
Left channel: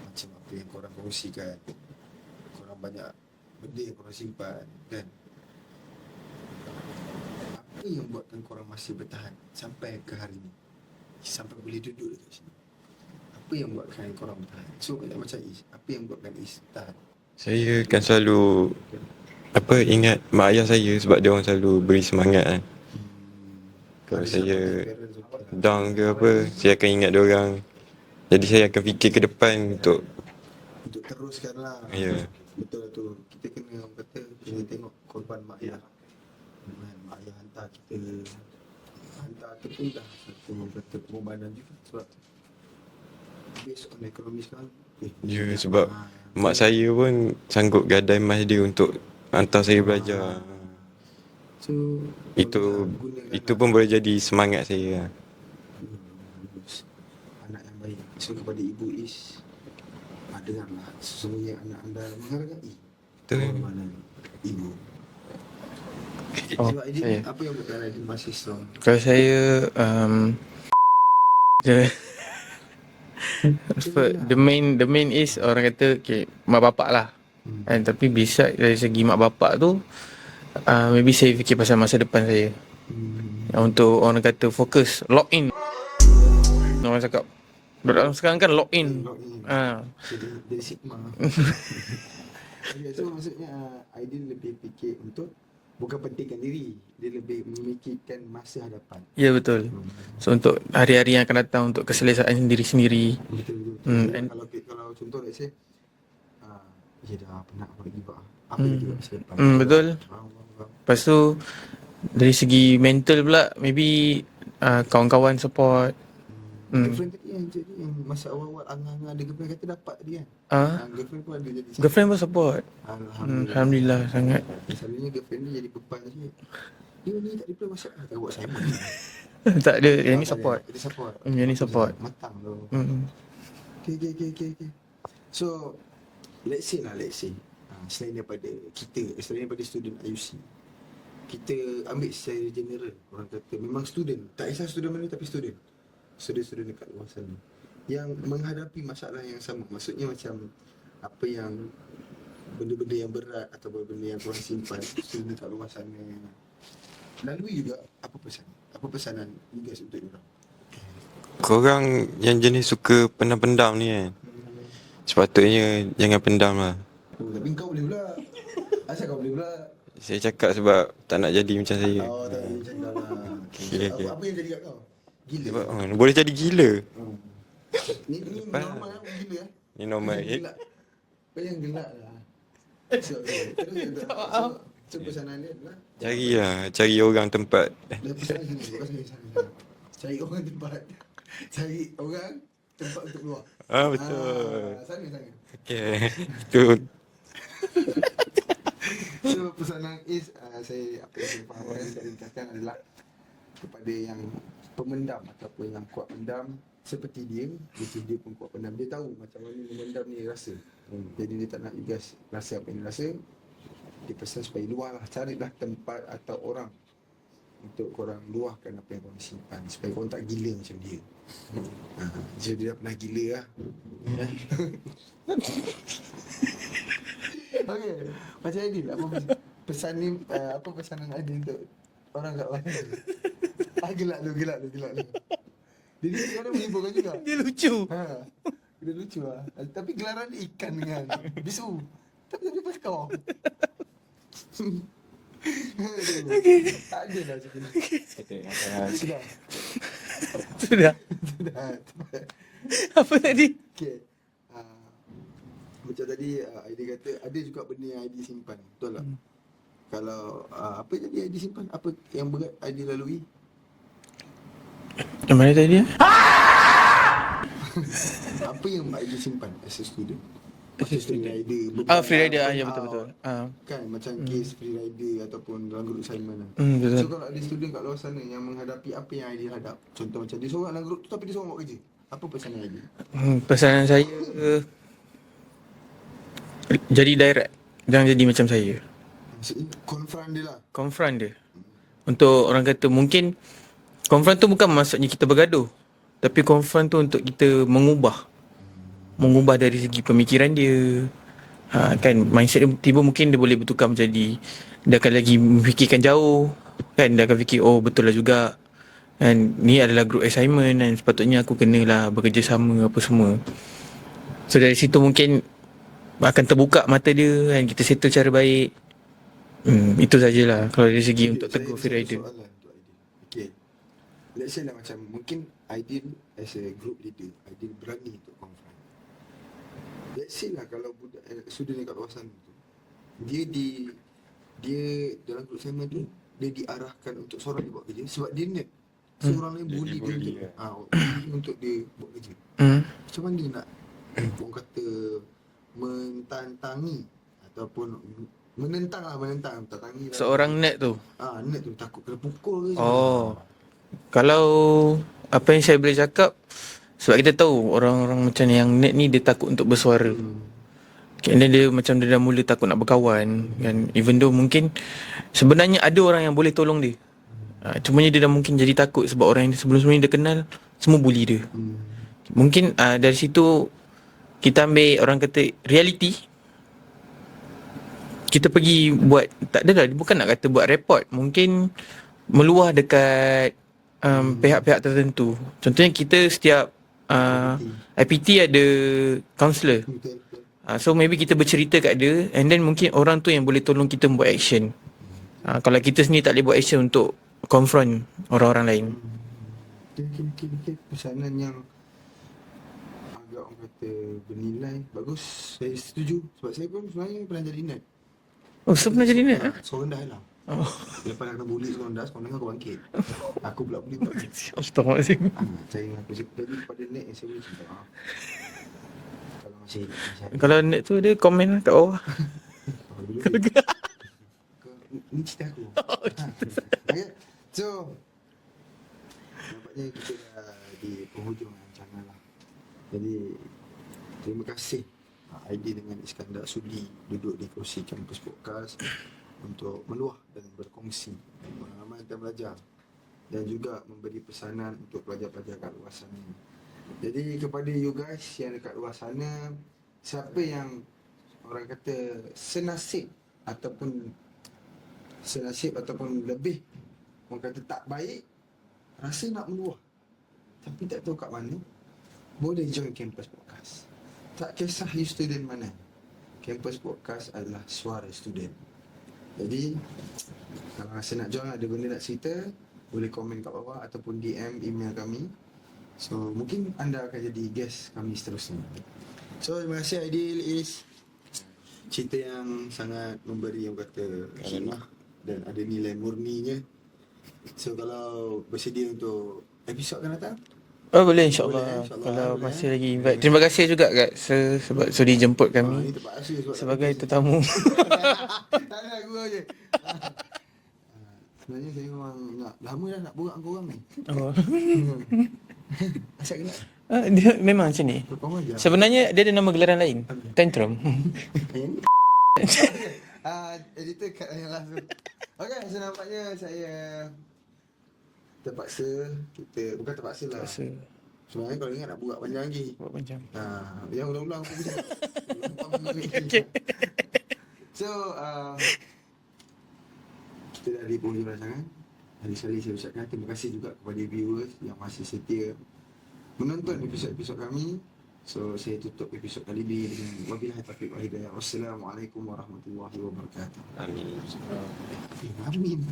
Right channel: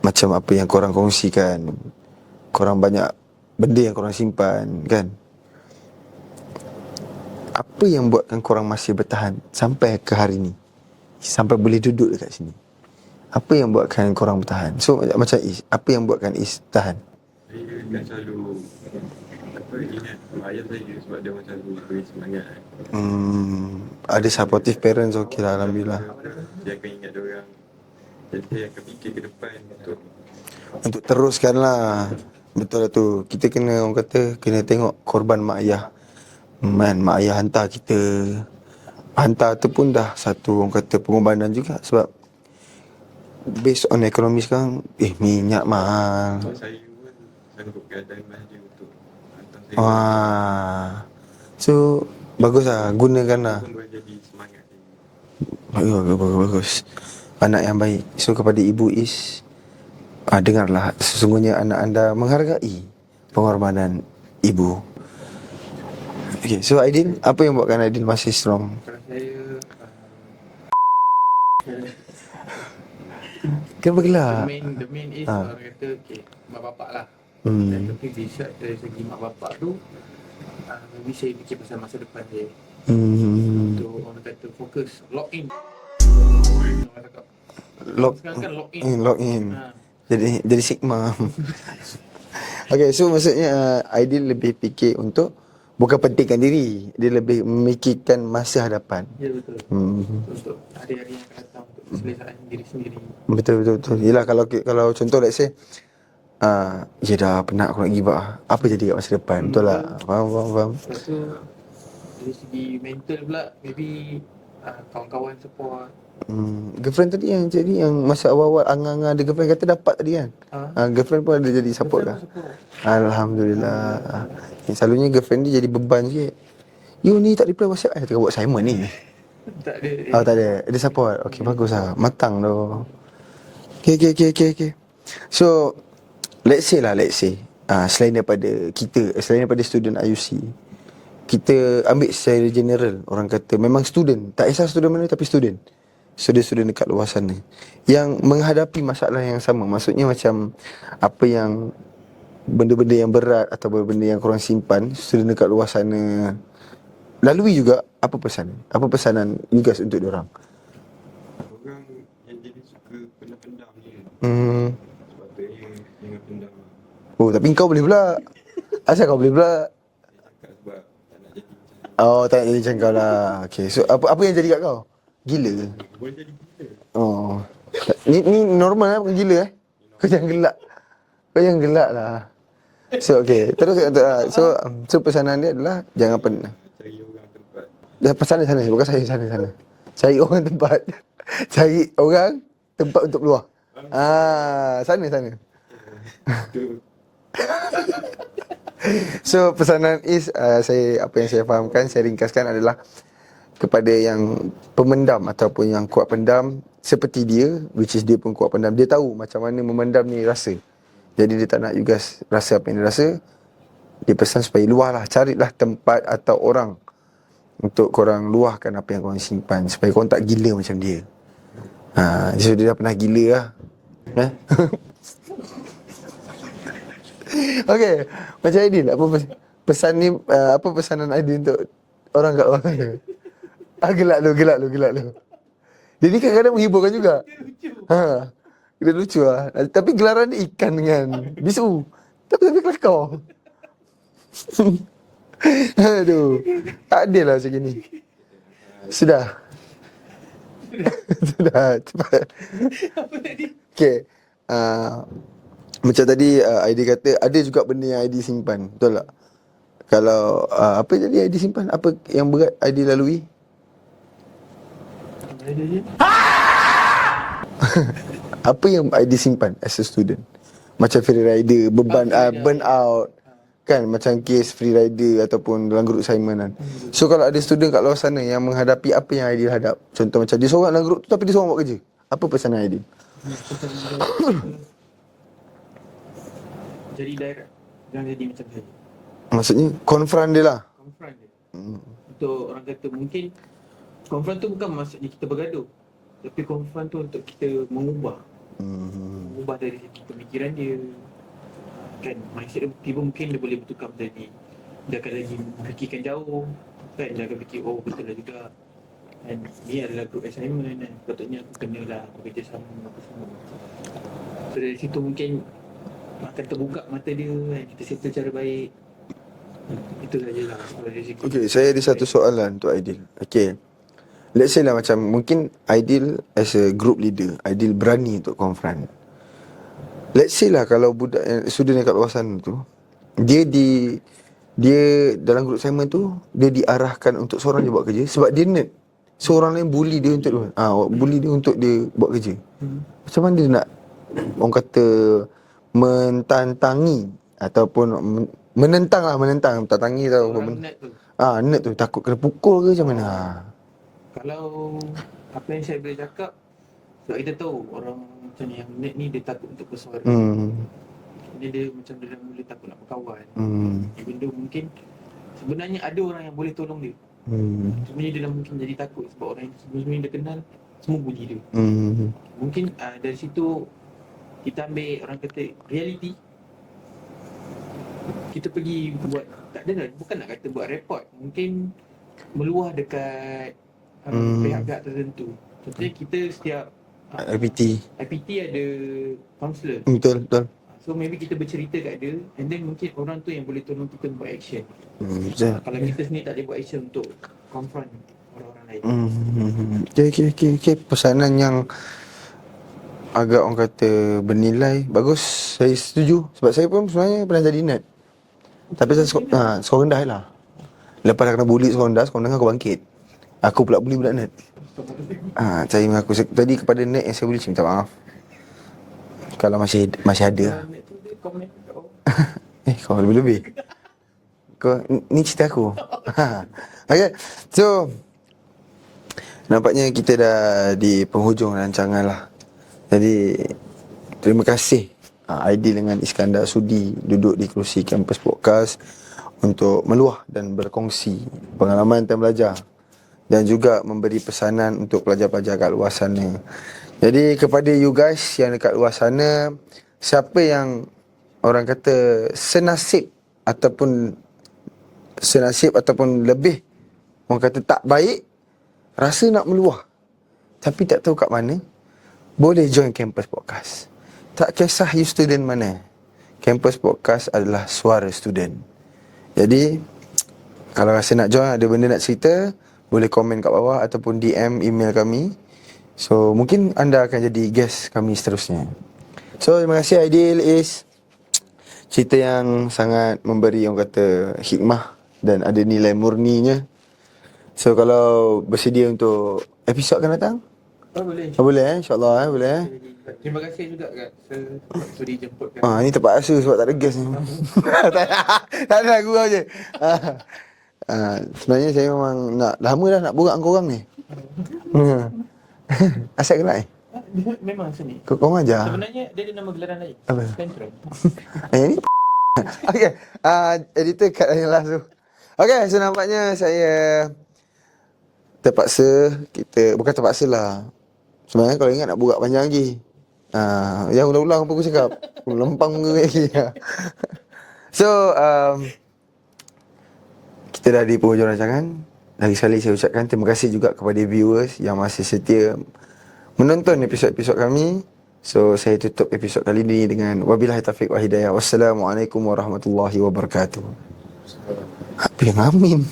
macam apa yang korang kongsikan, korang banyak benda yang korang simpan kan. Apa yang buatkan korang masih bertahan sampai ke hari ni, sampai boleh duduk dekat sini? Apa yang buatkan korang bertahan? So macam Is, apa yang buatkan Is tahan? Saya kan selalu ingat mak ayah saya, sebab dia orang selalu beri semangat kan. Ada Saya supportive parents, okey lah. down ke apa, saya akan ingat dia orang. Jadi saya akan fikir ke depan untuk teruskan lah. Ya. Betul lah tu. Kita kena, orang kata, kena tengok korban mak ayah. Mak ayah hantar kita. Hantar tu pun dah satu, orang kata, pengorbanan juga. Sebab based on ekonomi sekarang, minyak sebab mahal. mak saya pun sanggup gadai emas dia untuk hantar saya belajar. So bagus lah, gunakan lah. Itu pun boleh jadi semangat saya. Bagus. Anak yang baik. So kepada Ibu Is, dengarlah, sesungguhnya anak anda menghargai pengorbanan ibu. Okay, so Aidin, apa yang buatkan Aidin masih strong? Kalau saya Bagilah. the main is orang kata mak bapak lah. Tapi bisa dari segi mak bapak tu, maybe saya fikir pasal masa depan saya. Untuk orang kata fokus, lock in. Orang cakap sekarang kan lock in. Lock in. Jadi sigma. Okay, so maksudnya Aidin lebih fikir untuk bukan pentingkan diri, dia lebih memikirkan masa hadapan. Ya, betul. So untuk hari-hari yang akan datang, untuk keselesaan diri sendiri. Betul. Yelah, kalau contoh let's say ya dah penat aku nak give up. Apa jadi kat masa depan? Betul. Lah. Faham. Lepas tu dari segi mental pula, maybe kawan-kawan support. Girlfriend tadi yang jadi, yang masa awal-awal angang-angang ada girlfriend kata dapat tadi kan. Girlfriend pun ada jadi support. Girlfriend pun lah. support. Alhamdulillah sangat. Selalunya girlfriend dia jadi beban sikit. You ni tak reply WhatsApp, tengah buat assignment ni. Tak ada Tak ada. Dia support. Okay, Dia bagus support. lah. Matang tu. Okay. So let's say selain daripada student IUC, kita ambil secara general, orang kata memang student, tak kisah student mana tapi student dekat luar sana yang menghadapi masalah yang sama. Maksudnya macam apa yang benda-benda yang berat atau benda yang korang simpan, student dekat luar sana lalui juga. Apa pesanan you guys untuk diorang? Korang yang jenis suka pendam-pendam ni kan, sepatutnya jangan pendam lah. Oh, tapi kau boleh pula. Asal kau boleh pula? Saya cakap sebab tak nak jadi macam saya. Oh, tak nak jadi macam kau lah. Okay, so apa yang jadi kat kau? Gila ke? Boleh jadi gila. Oh. Ni normal lah, bukan gila eh? Ni Kau normal. jangan gelak. Kau jangan gelak lah. So, okay. Terus so pesanan dia adalah jangan Cari orang tempat. Dah pesanan sana. Bukan saya sana. Cari orang tempat. Cari orang tempat untuk keluar. Betul. Sana. Okay. Tu. So pesanan is apa yang saya fahamkan, saya ringkaskan adalah kepada yang pemendam ataupun yang kuat pendam seperti dia, which is dia pun kuat pendam. Dia tahu macam mana memendam ni rasa. Jadi dia tak nak you guys rasa apa yang dia rasa. Dia pesan supaya luahlah, carilah tempat atau orang untuk korang luahkan apa yang korang simpan, supaya korang tak gila macam dia. So dia dah pernah gila lah. Okay, macam Aidil, apa pesan ni, apa pesanan Aidil untuk orang kat luar sana? Gelak lu. Dia ni kadang-kadang menghiburkan juga. Dia lucu. Dia lucu lah. Tapi gelaran dia ikan dengan bisu. Tapi kelakar. Aduh. Tak adil lah macam ni. Sudah. Cepat. Apa tadi? Okay. Macam tadi Aidil kata ada juga benda yang Aidil simpan. Betul tak? Kalau apa jadi Aidil simpan? Apa yang berat Aidil lalui? Yang mana tadi? Apa yang Aidil simpan as a student? Macam free rider, beban Free rider, burn ya, out. Kan macam kes free rider ataupun dalam group assignment kan. Betul. So kalau ada student kat luar sana yang menghadapi apa yang Aidil hadap, contoh macam dia seorang dalam group tu tapi dia seorang buat kerja, apa pesanan Aidil? Pesanan saya jadi direct. Jangan jadi macam saya. Maksudnya confront dia lah. Confront dia. Untuk orang kata mungkin confront tu bukan maksudnya kita bergaduh, tapi confront tu untuk kita mengubah dari segi pemikiran dia. Kan mindset dia tiba mungkin dia boleh bertukar menjadi dia akan lagi memfikirkan jauh. Kan dia akan fikir oh betul lah juga. Kan ni adalah group assignment dan sepatutnya aku kenalah bekerjasama apa semua. So dari situ mungkin akan terbuka mata dia kan, kita settle cara baik. Itu sajalah kalau dari segi Okay, saya ada satu soalan untuk Aidil. Okay, let's say lah macam mungkin Aidil as a group leader, Aidil berani untuk confront. Let's say lah kalau budak student yang kat luar sana tu, dia dalam group assignment tu dia diarahkan untuk seorang je buat kerja sebab dia nerd. Seorang lain bully dia untuk dia buat kerja. Macam mana dia nak orang kata mentantangi ataupun menentang, tantangi tau. seorang nerd tu. Nerd tu takut kena pukul ke macam mana? Kalau apa yang saya boleh cakap, sebab kita tahu orang-orang macam yang nerd ni dia takut untuk bersuara. And then dia macam dia dah mula takut nak berkawan kan. Even though mungkin sebenarnya ada orang yang boleh tolong dia. Cumanya dia dah mungkin jadi takut sebab orang yang sebelum-sebelum ni dia kenal semua bully dia. Mungkin dari situ kita ambil orang kata reality. Kita pergi buat, tak adalah, bukan nak kata buat report, mungkin meluah dekat pihak-pihak tertentu. Contohnya kita setiap IPT ada counselor. Betul. So maybe kita bercerita kat dia, and then mungkin orang tu yang boleh tolong kita buat action. Kalau kita sendiri tak boleh buat action untuk confront orang-orang lain. Okay. Pesanan yang agak orang kata bernilai, bagus. Saya setuju. Sebab saya pun sebenarnya pernah jadi nerd. Tapi saya sekolah rendah lah. Lepas dah kena bully sekolah rendah, sekolah rendah aku bangkit. Aku pula bully budak nerd. Astaghfirullahaladzim. Saya mengaku tadi kepada nerd yang saya bully, minta maaf. Kalau masih ada. Kalau nerd tu dia komen kat bawah. Kau lebih-lebih. Kau ni cerita aku. Okay. So nampaknya kita dah di penghujung rancangan lah. Jadi terima kasih Aidil dengan Iskandar sudi duduk di kerusi Campus Podcast untuk meluah dan berkongsi pengalaman time belajar dan juga memberi pesanan untuk pelajar-pelajar kat luar sana. Jadi kepada you guys yang dekat luar sana, siapa yang orang kata senasib ataupun lebih orang kata tak baik, rasa nak meluah tapi tak tahu kat mana, boleh join Campus Podcast. Tak kisah you student mana, Campus Podcast adalah suara student. Jadi kalau rasa nak join, ada benda nak cerita, boleh komen kat bawah ataupun DM email kami. So mungkin anda akan jadi guest kami seterusnya. So terima kasih Aidil, Is. Cerita yang sangat memberi orang kata hikmah dan ada nilai murninya. So kalau bersedia untuk episod akan datang? Oh boleh insyaAllah. Boleh insyaAllah boleh. Terima kasih lagi invite. Terima kasih juga Kak sebab sudi jemput kami. Ni terpaksa sebab tak ada Sebagai guest ni. tetamu. Tak ada, gurau je. Sebenarnya saya memang lama dah nak borak dengan korang ni. Oh. Asal gelak Dia memang macam ni. Korang ajar. Sebenarnya dia ada nama gelaran lain. Apa? Tantrum. Yang ni okay. Editor cut yang last tu. Okay, so nampaknya saya terpaksa bukan terpaksa lah. Sebenarnya kalau ingat nak borak panjang lagi. Macam. Yang ulang-ulang apa aku cakap. Lempang lagi. So kita dah di penghujung rancangan. Lagi sekali saya ucapkan terima kasih juga kepada viewers yang masih setia menonton episod-episod kami. So saya tutup episod kali ini dengan wabillahi taufiq wa hidayah. Wassalamualaikum warahmatullahi wabarakatuh. Apa yang amin?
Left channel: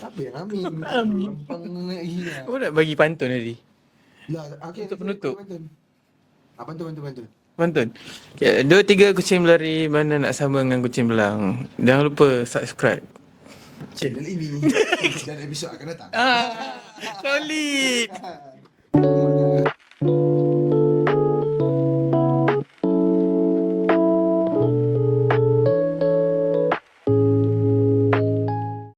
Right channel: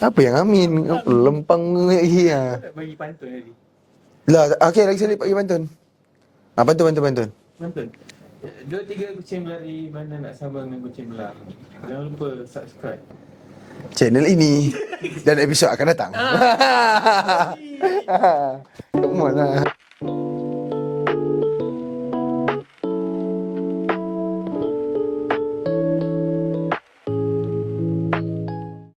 Apa yang amin? Lempang lagi Kau nak bagi pantun tadi? Lah, okey lagi sekali bagi pantun. Pantun. Pantun. Okay, 2-3 kucing berlari, mana nak sama dengan kucing belang. Jangan lupa subscribe channel ini dan episod akan datang. Kali. Come on lah.